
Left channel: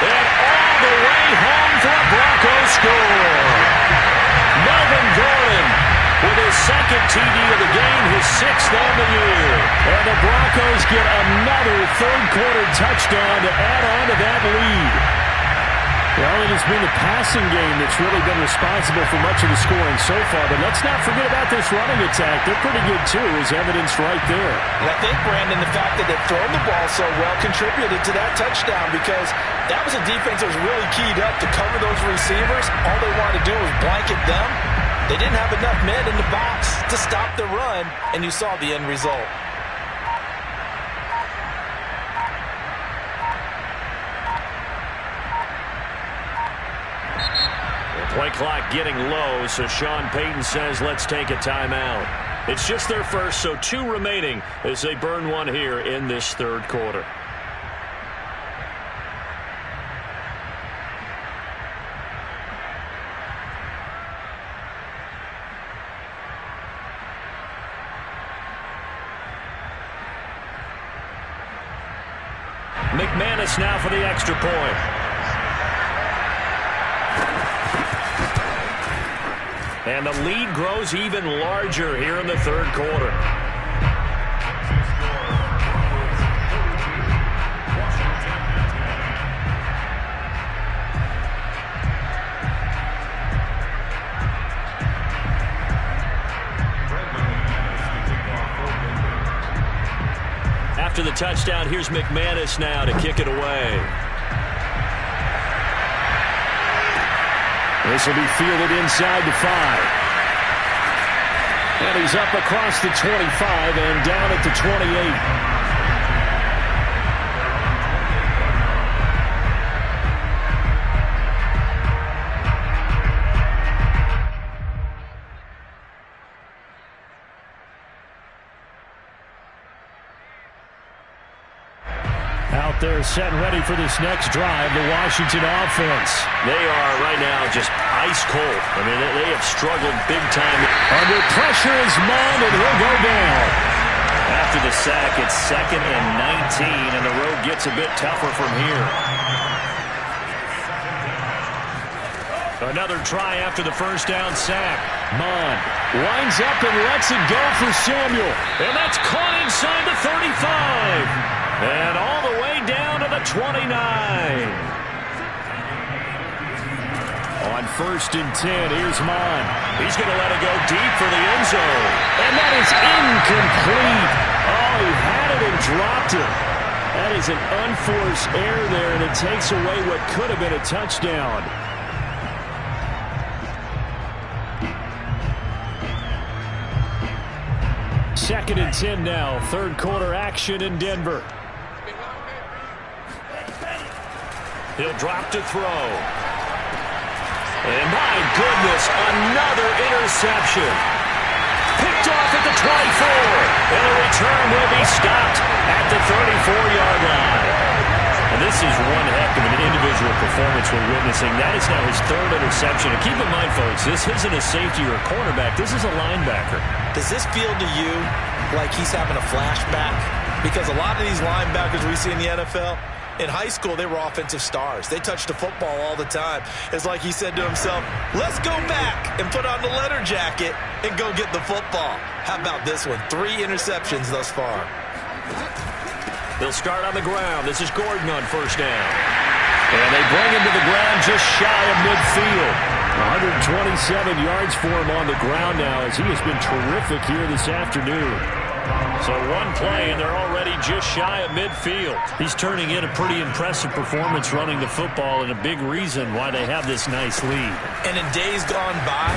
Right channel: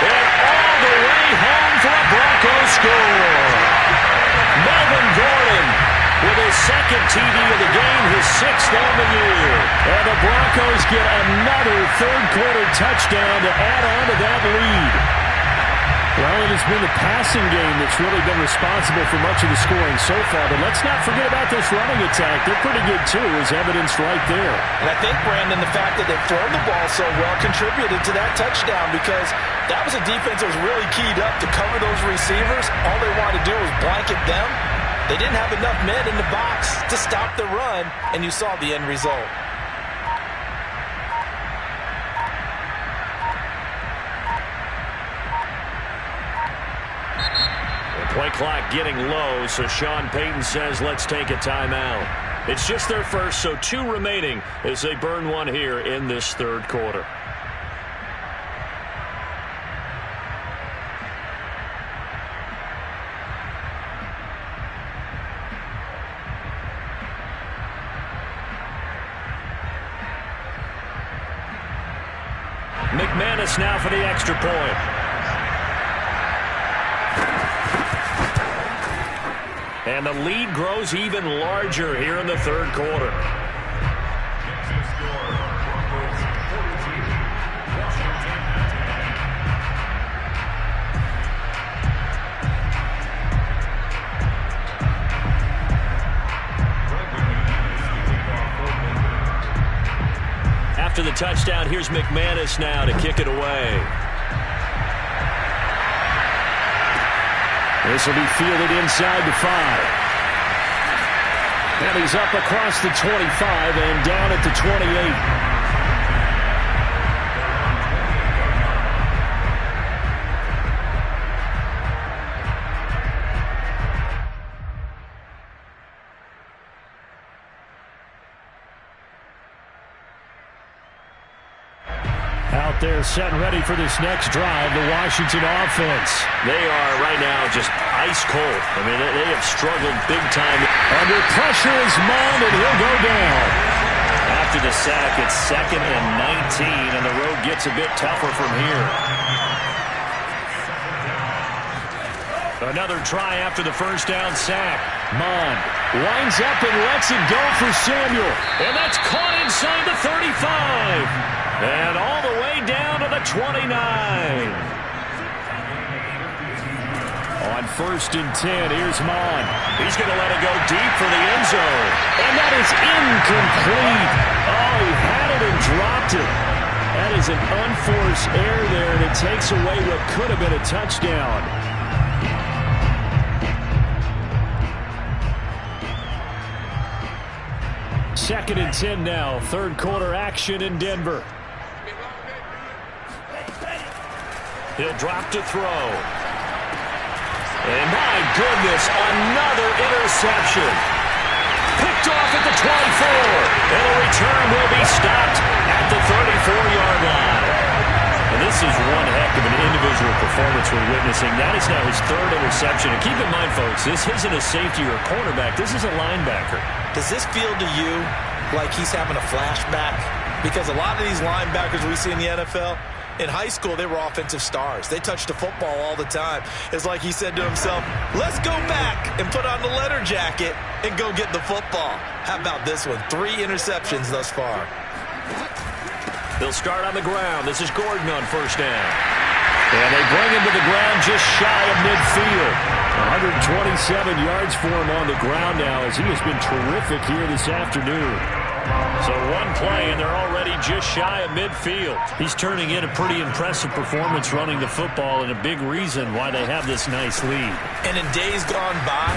And all the way home for a Bronco score. Melvin Gordon with his second TD of the game, his 6th on the year. And the Broncos get another third-quarter touchdown to add on to that lead. Well, it has been the passing game that's really been responsible for much of the scoring so far. But let's not forget about this running attack. They're pretty good, too, as evidenced right there. And I think, Brandon, the fact that they've thrown the ball so well contributed to that touchdown, because that was a defense that was really keyed up to cover those receivers. All they wanted to do was blanket them. They didn't have enough men in the box to stop the run, and you saw the end result. Play clock getting low, so Sean Payton says let's take a timeout. It's just their first, so 2 remaining as they burn one here in this third quarter. McManus now for the extra point. And the lead grows even larger here in the third quarter. After the touchdown, here's McManus now to kick it away. This will be fielded inside the 5. And he's up across the 25 and down at the 28. out there set and ready for this next drive, the Washington offense. They are right now just ice cold. I mean, they have struggled big time. Under pressure is Mond, and he'll go down. After the sack, it's 2nd and 19, and the road gets a bit tougher from here. Another try after the first down sack. Mond winds up and lets it go for Samuel. And that's caught inside the 35. And all the way down to the 29. On 1st and 10, here's Mond. He's going to let it go deep for the end zone. And that is incomplete. Oh, he had it and dropped it. That is an unforced error there, and it takes away what could have been a touchdown. Second and 10 now. Third quarter action in Denver. He'll drop to throw. And my goodness, another interception. Picked off at the 24. And the return will be stopped at the 34-yard line. And this is one heck of an individual performance we're witnessing. That is now his 3rd interception. And keep in mind, folks, this isn't a safety or a cornerback. This is a linebacker. Does this feel to you like he's having a flashback? Because a lot of these linebackers we see in the NFL, in high school, they were offensive stars. They touched the football all the time. It's like he said to himself, let's go back and put on the leather jacket and go get the football. How about this one? 3 interceptions thus far. They'll start on the ground. This is Gordon on first down. And they bring him to the ground just shy of midfield. 127 yards for him on the ground now, as he has been terrific here this afternoon. So one play, and they're already just shy of midfield. He's turning in a pretty impressive performance running the football, and a big reason why they have this nice lead. And in days gone by,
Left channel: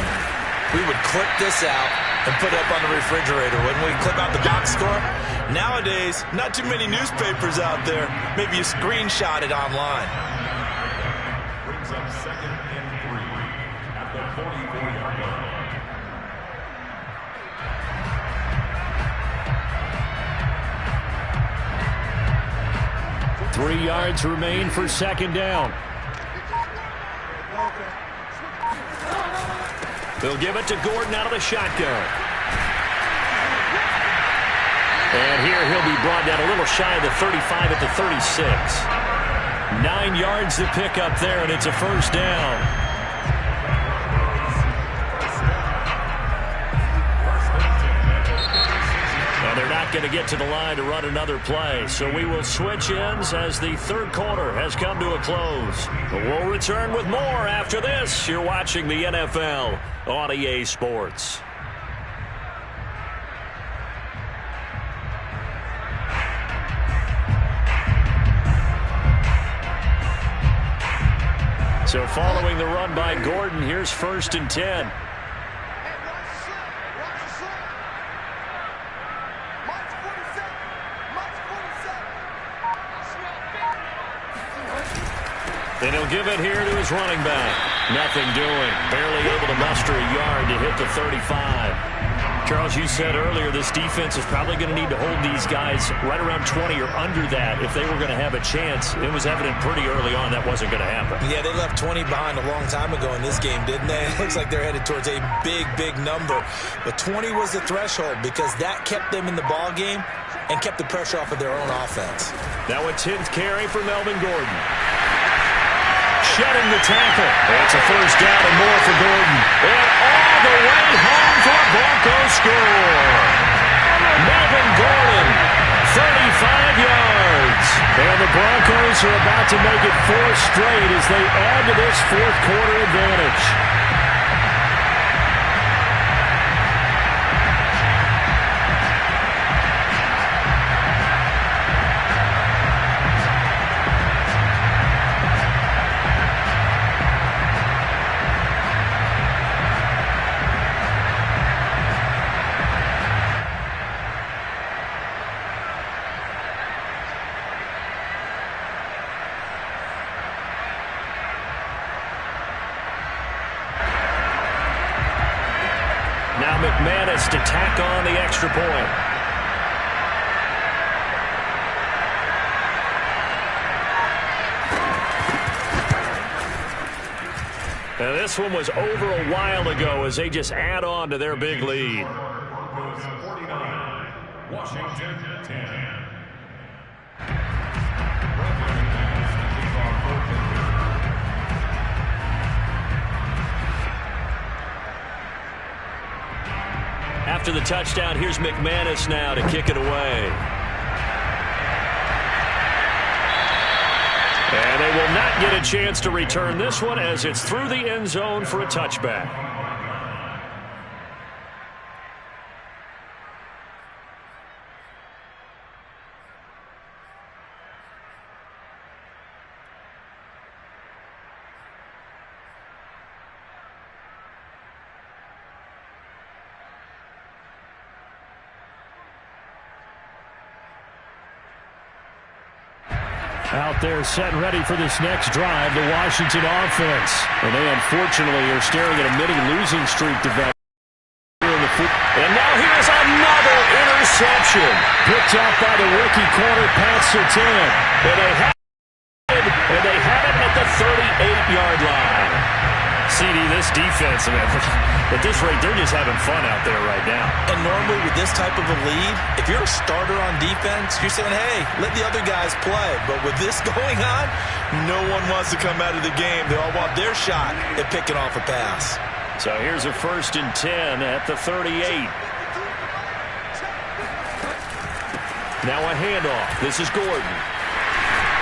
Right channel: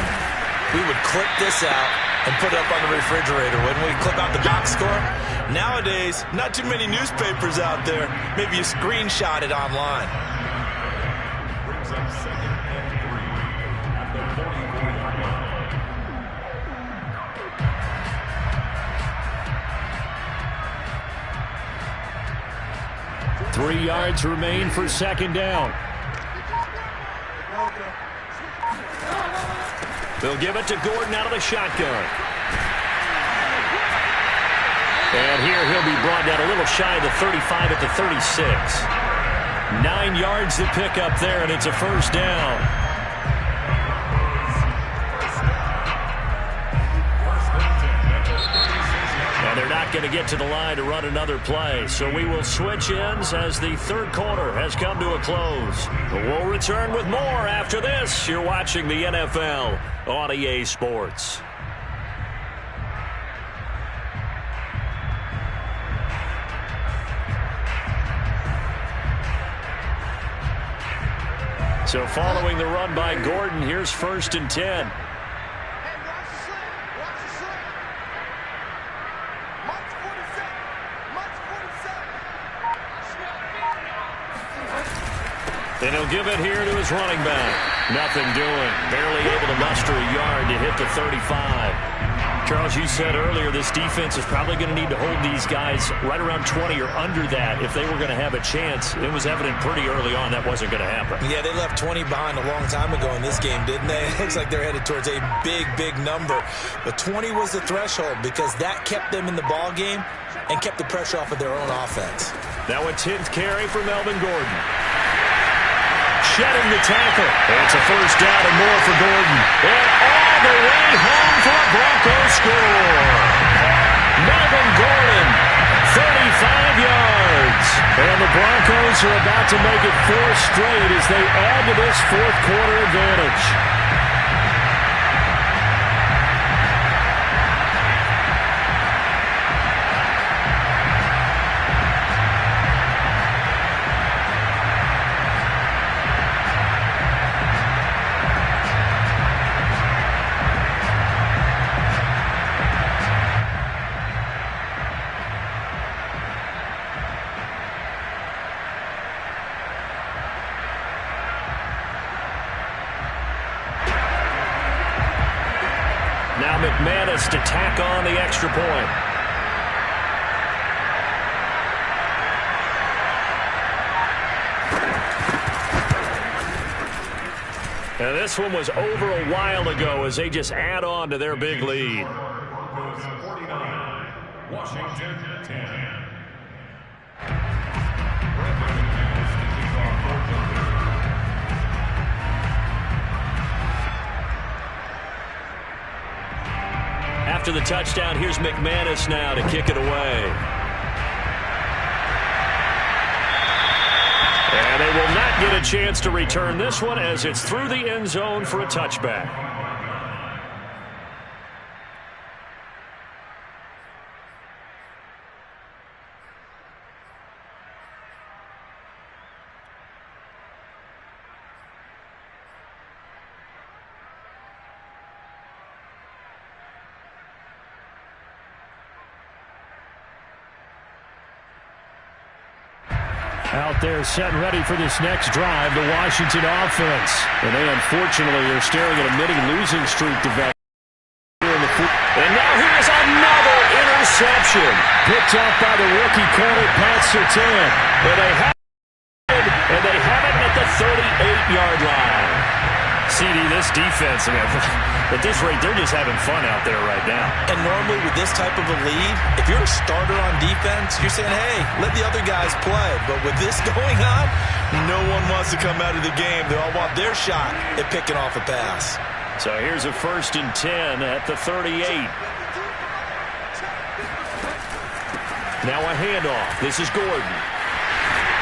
we would clip this out and put it up on the refrigerator. When we clip out the box score, nowadays, not too many newspapers out there. Maybe you screenshot it online. Brings up 2nd and 3 at the 44-yard line. 3 yards remain for 2nd down. They'll give it to Gordon out of the shotgun. And here he'll be brought down a little shy of the 35 at the 36. 9 yards to pick up there, and it's a first down. And they're not going to get to the line to run another play, so we will switch ends as the third quarter has come to a close. But we'll return with more after this. You're watching the NFL on EA Sports. So following the run by Gordon, here's 1st and 10. And he'll give it here to his running back. Nothing doing. Barely able to muster a yard to hit the 35. Charles, you said earlier this defense is probably going to need to hold these guys right around 20 or under that if they were going to have a chance. It was evident pretty early on that wasn't going to happen. Yeah, they left 20 behind a long time ago in this game, didn't they? It looks like they're headed towards a big, big number. But 20 was the threshold because that kept them in the ball game and kept the pressure off of their own offense. Now a 10th carry for Melvin Gordon. Shedding the tackle. It's a first down and more for Gordon. And all the way home for a Broncos score. Melvin Gordon, 35 yards. And the Broncos are about to make it 4 straight as they add to this fourth quarter advantage. Now McManus to tack on the extra point. And this one was over a while ago as they just add on to their big lead. Broncos 49, Washington 10. After the touchdown, here's McManus now to kick it away. And they will not get a chance to return this one as it's through the end zone for a touchback. Out there set and ready for this next drive, the Washington offense. And they unfortunately are staring at a mini-losing streak developing. And now here is another interception. Picked off by the rookie corner, Pat Surtain. And they have it at the 38-yard line. CD, this defense, man, at this rate, they're just having fun out there right now. And normally with this type of a lead, if you're a starter on defense, you're saying, hey, let the other guys play. But with this going on, no one wants to come out of the game. They all want their shot at picking off a pass. So here's a 1st and 10 at the 38. Now a handoff. This is Gordon.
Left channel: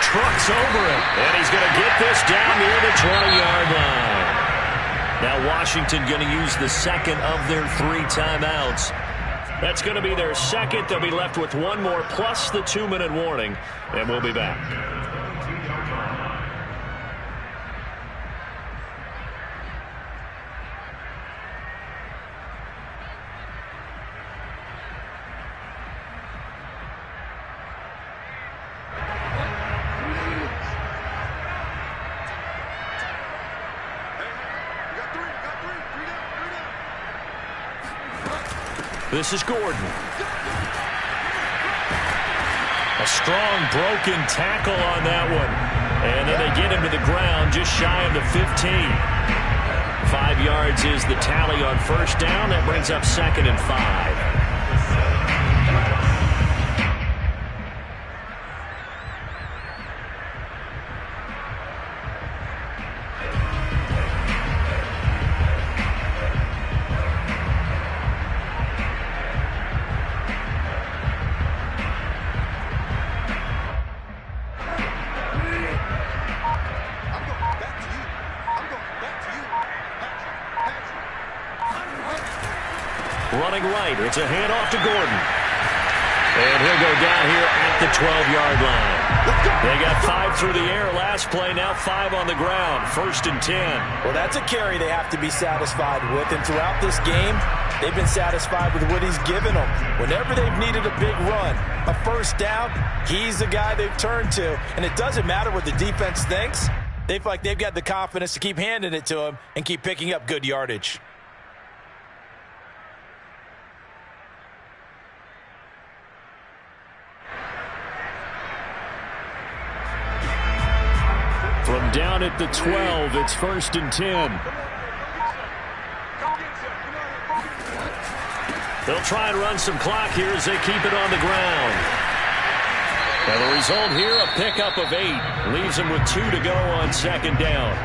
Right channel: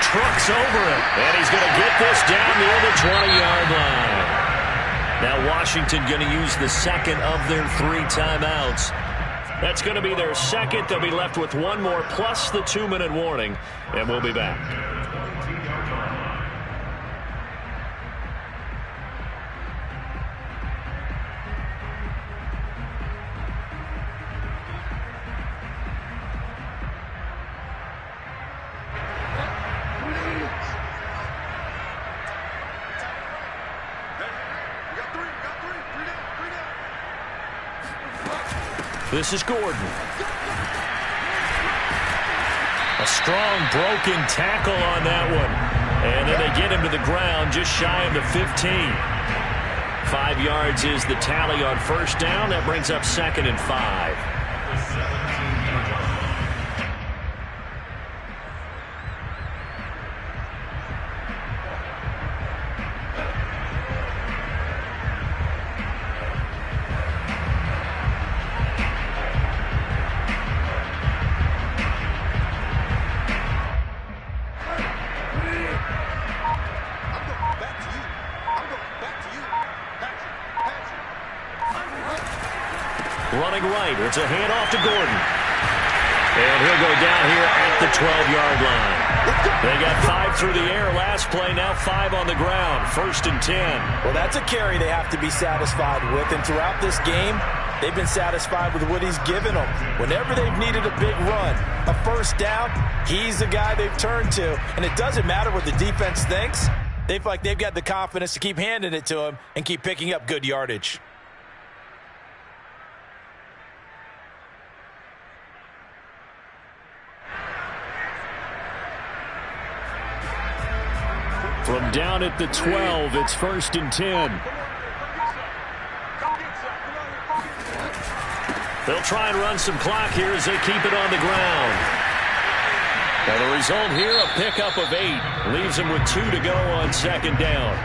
Trucks over him. And he's going to get this down near the 20-yard line. Now Washington going to use the second of their 3 timeouts. That's going to be their second. They'll be left with one more plus the 2-minute warning. And we'll be back. This is Gordon. A strong broken tackle on that one. And then they get him to the ground just shy of the 15. 5 yards is the tally on 1st down. That brings up 2nd and 5. Running right. It's a handoff to Gordon. And he'll go down here at the 12-yard line. They got 5 through the air last play, now 5 on the ground. 1st and 10. Well, that's a carry they have to be satisfied with. And throughout this game, they've been satisfied with what he's given them. Whenever they've needed a big run, a 1st down, he's the guy they've turned to. And it doesn't matter what the defense thinks. They feel like they've got the confidence to keep handing it to him and keep picking up good yardage. From down at the 12, it's 1st and 10. They'll try and run some clock here as they keep it on the ground. Now the result here, a pickup of 8. Leaves them with 2 to go on 2nd down.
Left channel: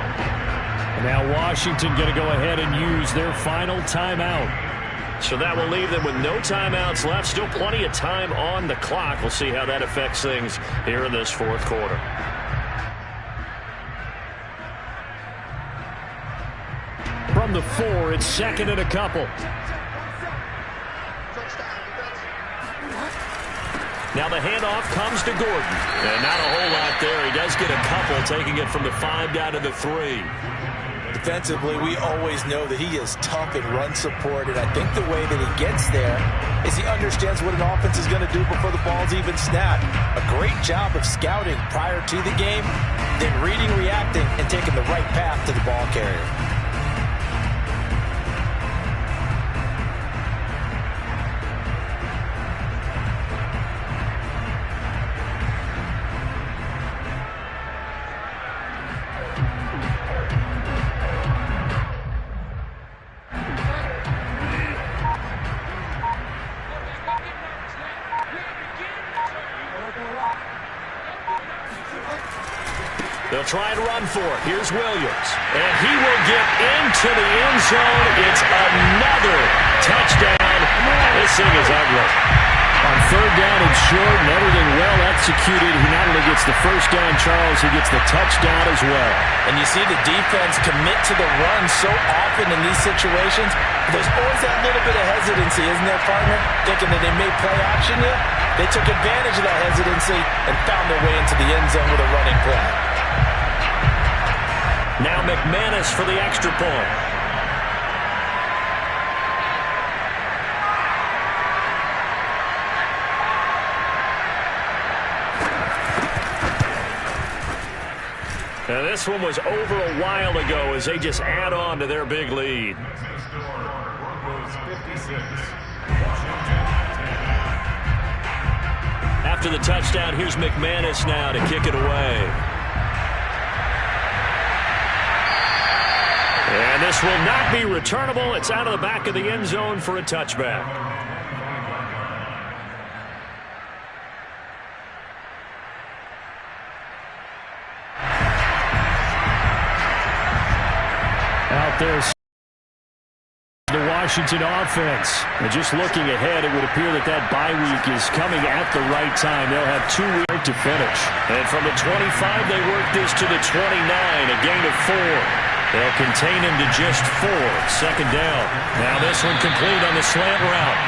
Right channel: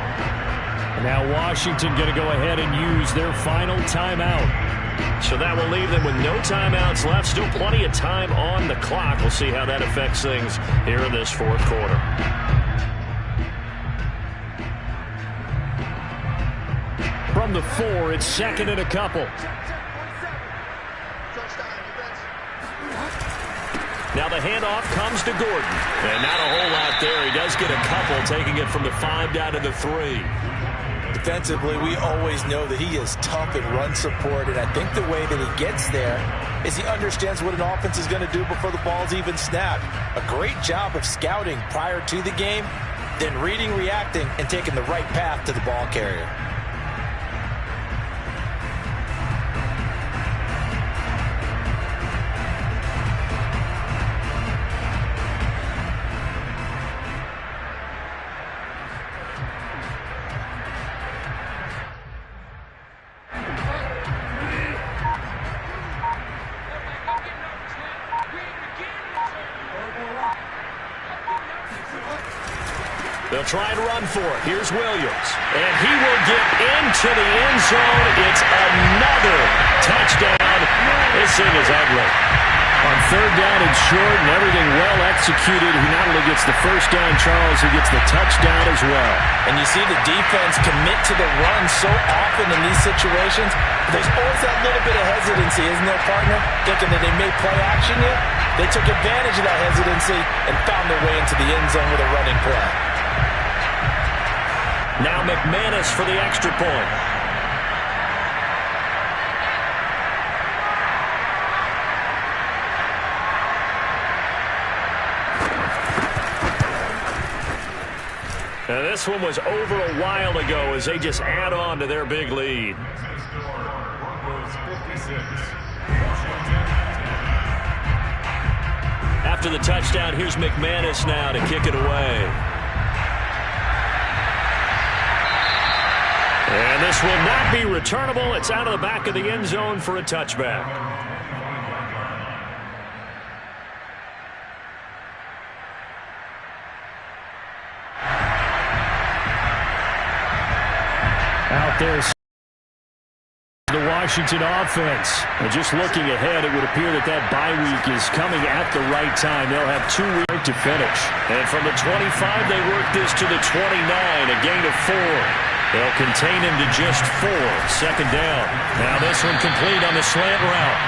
Now Washington going to go ahead and use their final timeout. So that will leave them with no timeouts left. Still plenty of time on the clock. We'll see how that affects things here in this 4th quarter. From the 4, it's 2nd and a couple. Now the handoff comes to Gordon. And not a whole lot there. He does get a couple, taking it from the 5 down to the 3. Defensively, we always know that he is tough in run support, and I think the way that he gets there is he understands what an offense is going to do before the ball's even snapped. A great job of scouting prior to the game, then reading, reacting, and taking the right path to the ball carrier. They'll try and run for it. Here's Williams. And he will get into the end zone. It's another touchdown. This thing is ugly. On third down and short and everything well executed, he not only gets the first down, Charles, he gets the touchdown as well. And you see the defense commit to the run so often in these situations. There's always that little bit of hesitancy, isn't there, partner? Thinking that they may play action you. They took advantage of that hesitancy and found their way into the end zone with a running play. Now McManus for the extra point. Now this one was over a while ago as they just add on to their big lead. After the touchdown, here's McManus now to kick it away. And this will not be returnable. It's out of the back of the end zone for a touchback. Out there, the Washington offense. And just looking ahead, it would appear that that bye week is coming at the right time. They'll have 2 weeks to finish. And from the 25, they work this to the 29, a gain of 4. They'll contain him to just 4. Second down. Now this one complete on the slant route.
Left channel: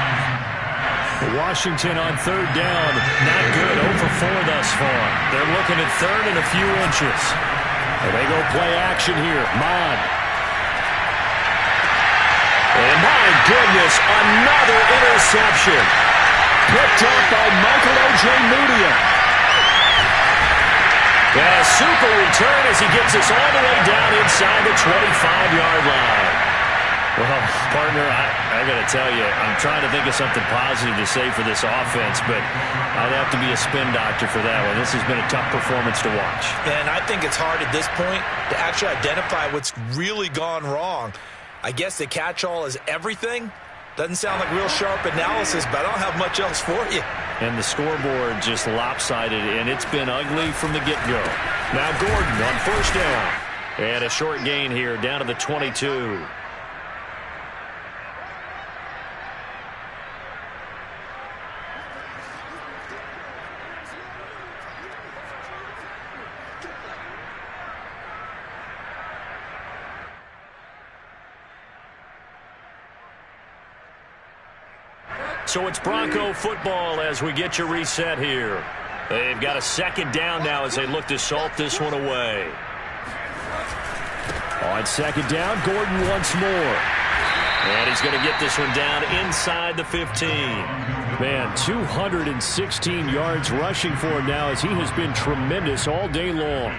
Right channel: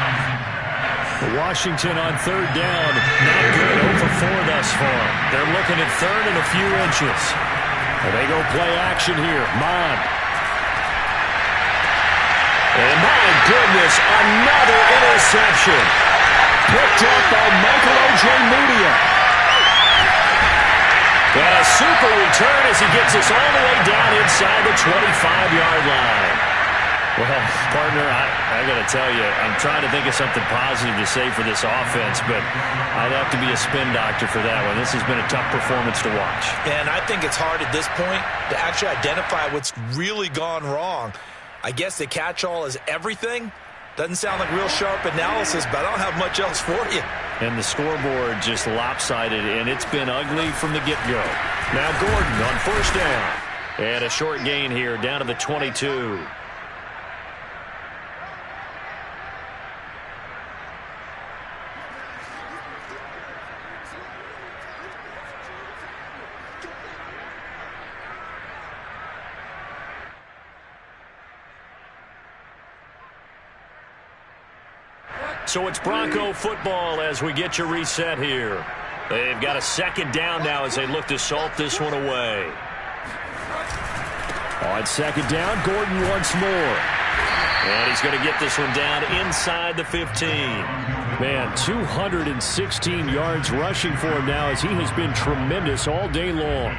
Washington on third down. Not good. 0 for 4 thus far. They're looking at third and a few inches. And they go play action here. Mond. And my goodness, another interception. Picked up by Michael Ojemudia. And a super return as he gets us all the way down inside the 25-yard line. Well, partner, I got to tell you, I'm trying to think of something positive to say for this offense, but I'd have to be a spin doctor for that one. This has been a tough performance to watch. And I think it's hard at this point to actually identify what's really gone wrong. I guess the catch-all is everything. Doesn't sound like real sharp analysis, but I don't have much else for you. And the scoreboard just lopsided, and it's been ugly from the get-go. Now Gordon on first down. And a short gain here down to the 22. So it's Bronco football as we get you reset here. They've got a second down now as they look to salt this one away. On second down, Gordon once more. And he's going to get this one down inside the 15. Man, 216 yards rushing for him now as he has been tremendous all day long.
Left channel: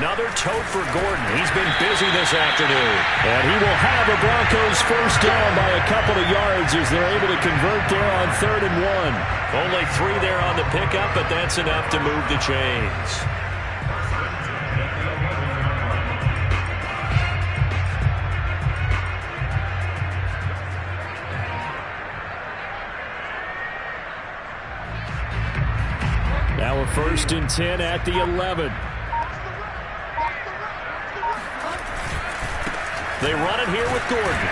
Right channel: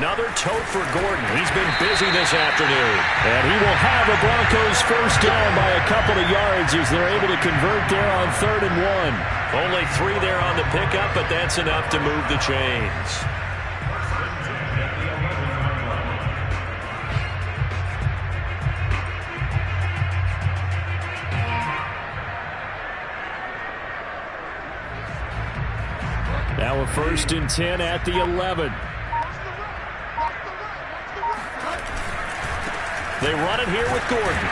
Another tote for Gordon. He's been busy this afternoon. And he will have a Broncos first down by a couple of yards as they're able to convert there on 3rd and 1. Only 3 there on the pickup, but that's enough to move the chains. Now a 1st and 10 at the 11. They run it here with Gordon.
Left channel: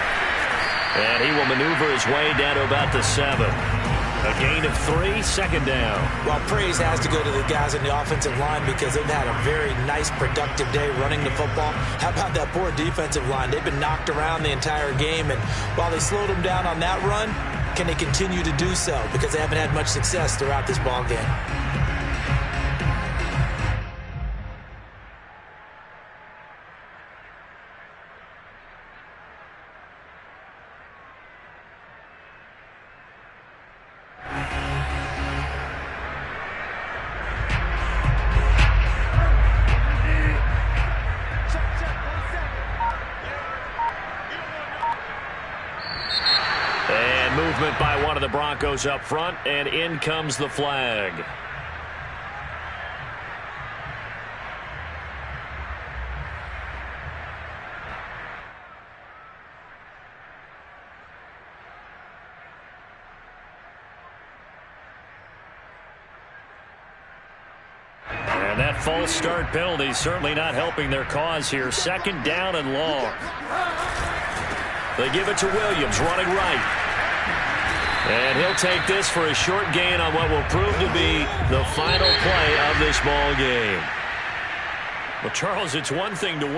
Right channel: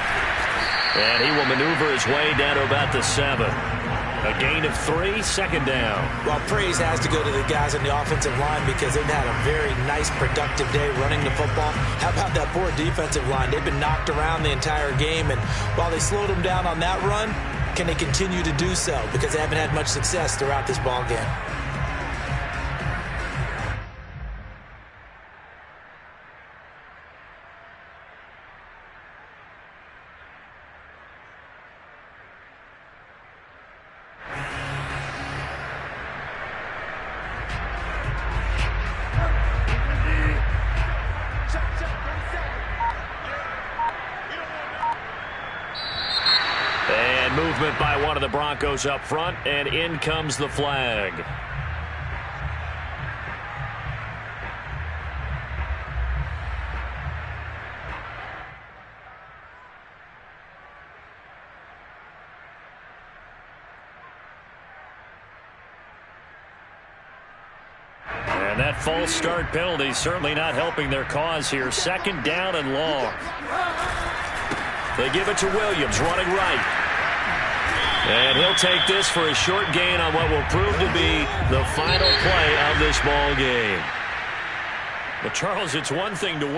And he will maneuver his way down to about the 7. A gain of 3, second down. Well, praise has to go to the guys on the offensive line because they've had a very nice, productive day running the football. How about that poor defensive line? They've been knocked around the entire game, and while they slowed them down on that run, can they continue to do so? Because they haven't had much success throughout this ball game. movement by one of the Broncos up front, and in comes the flag. And that false start penalty certainly not helping their cause here. Second down and long. They give it to Williams, running right. And he'll take this for a short gain on what will prove to be the final play of this ball game. Well, Charles, it's one thing to win.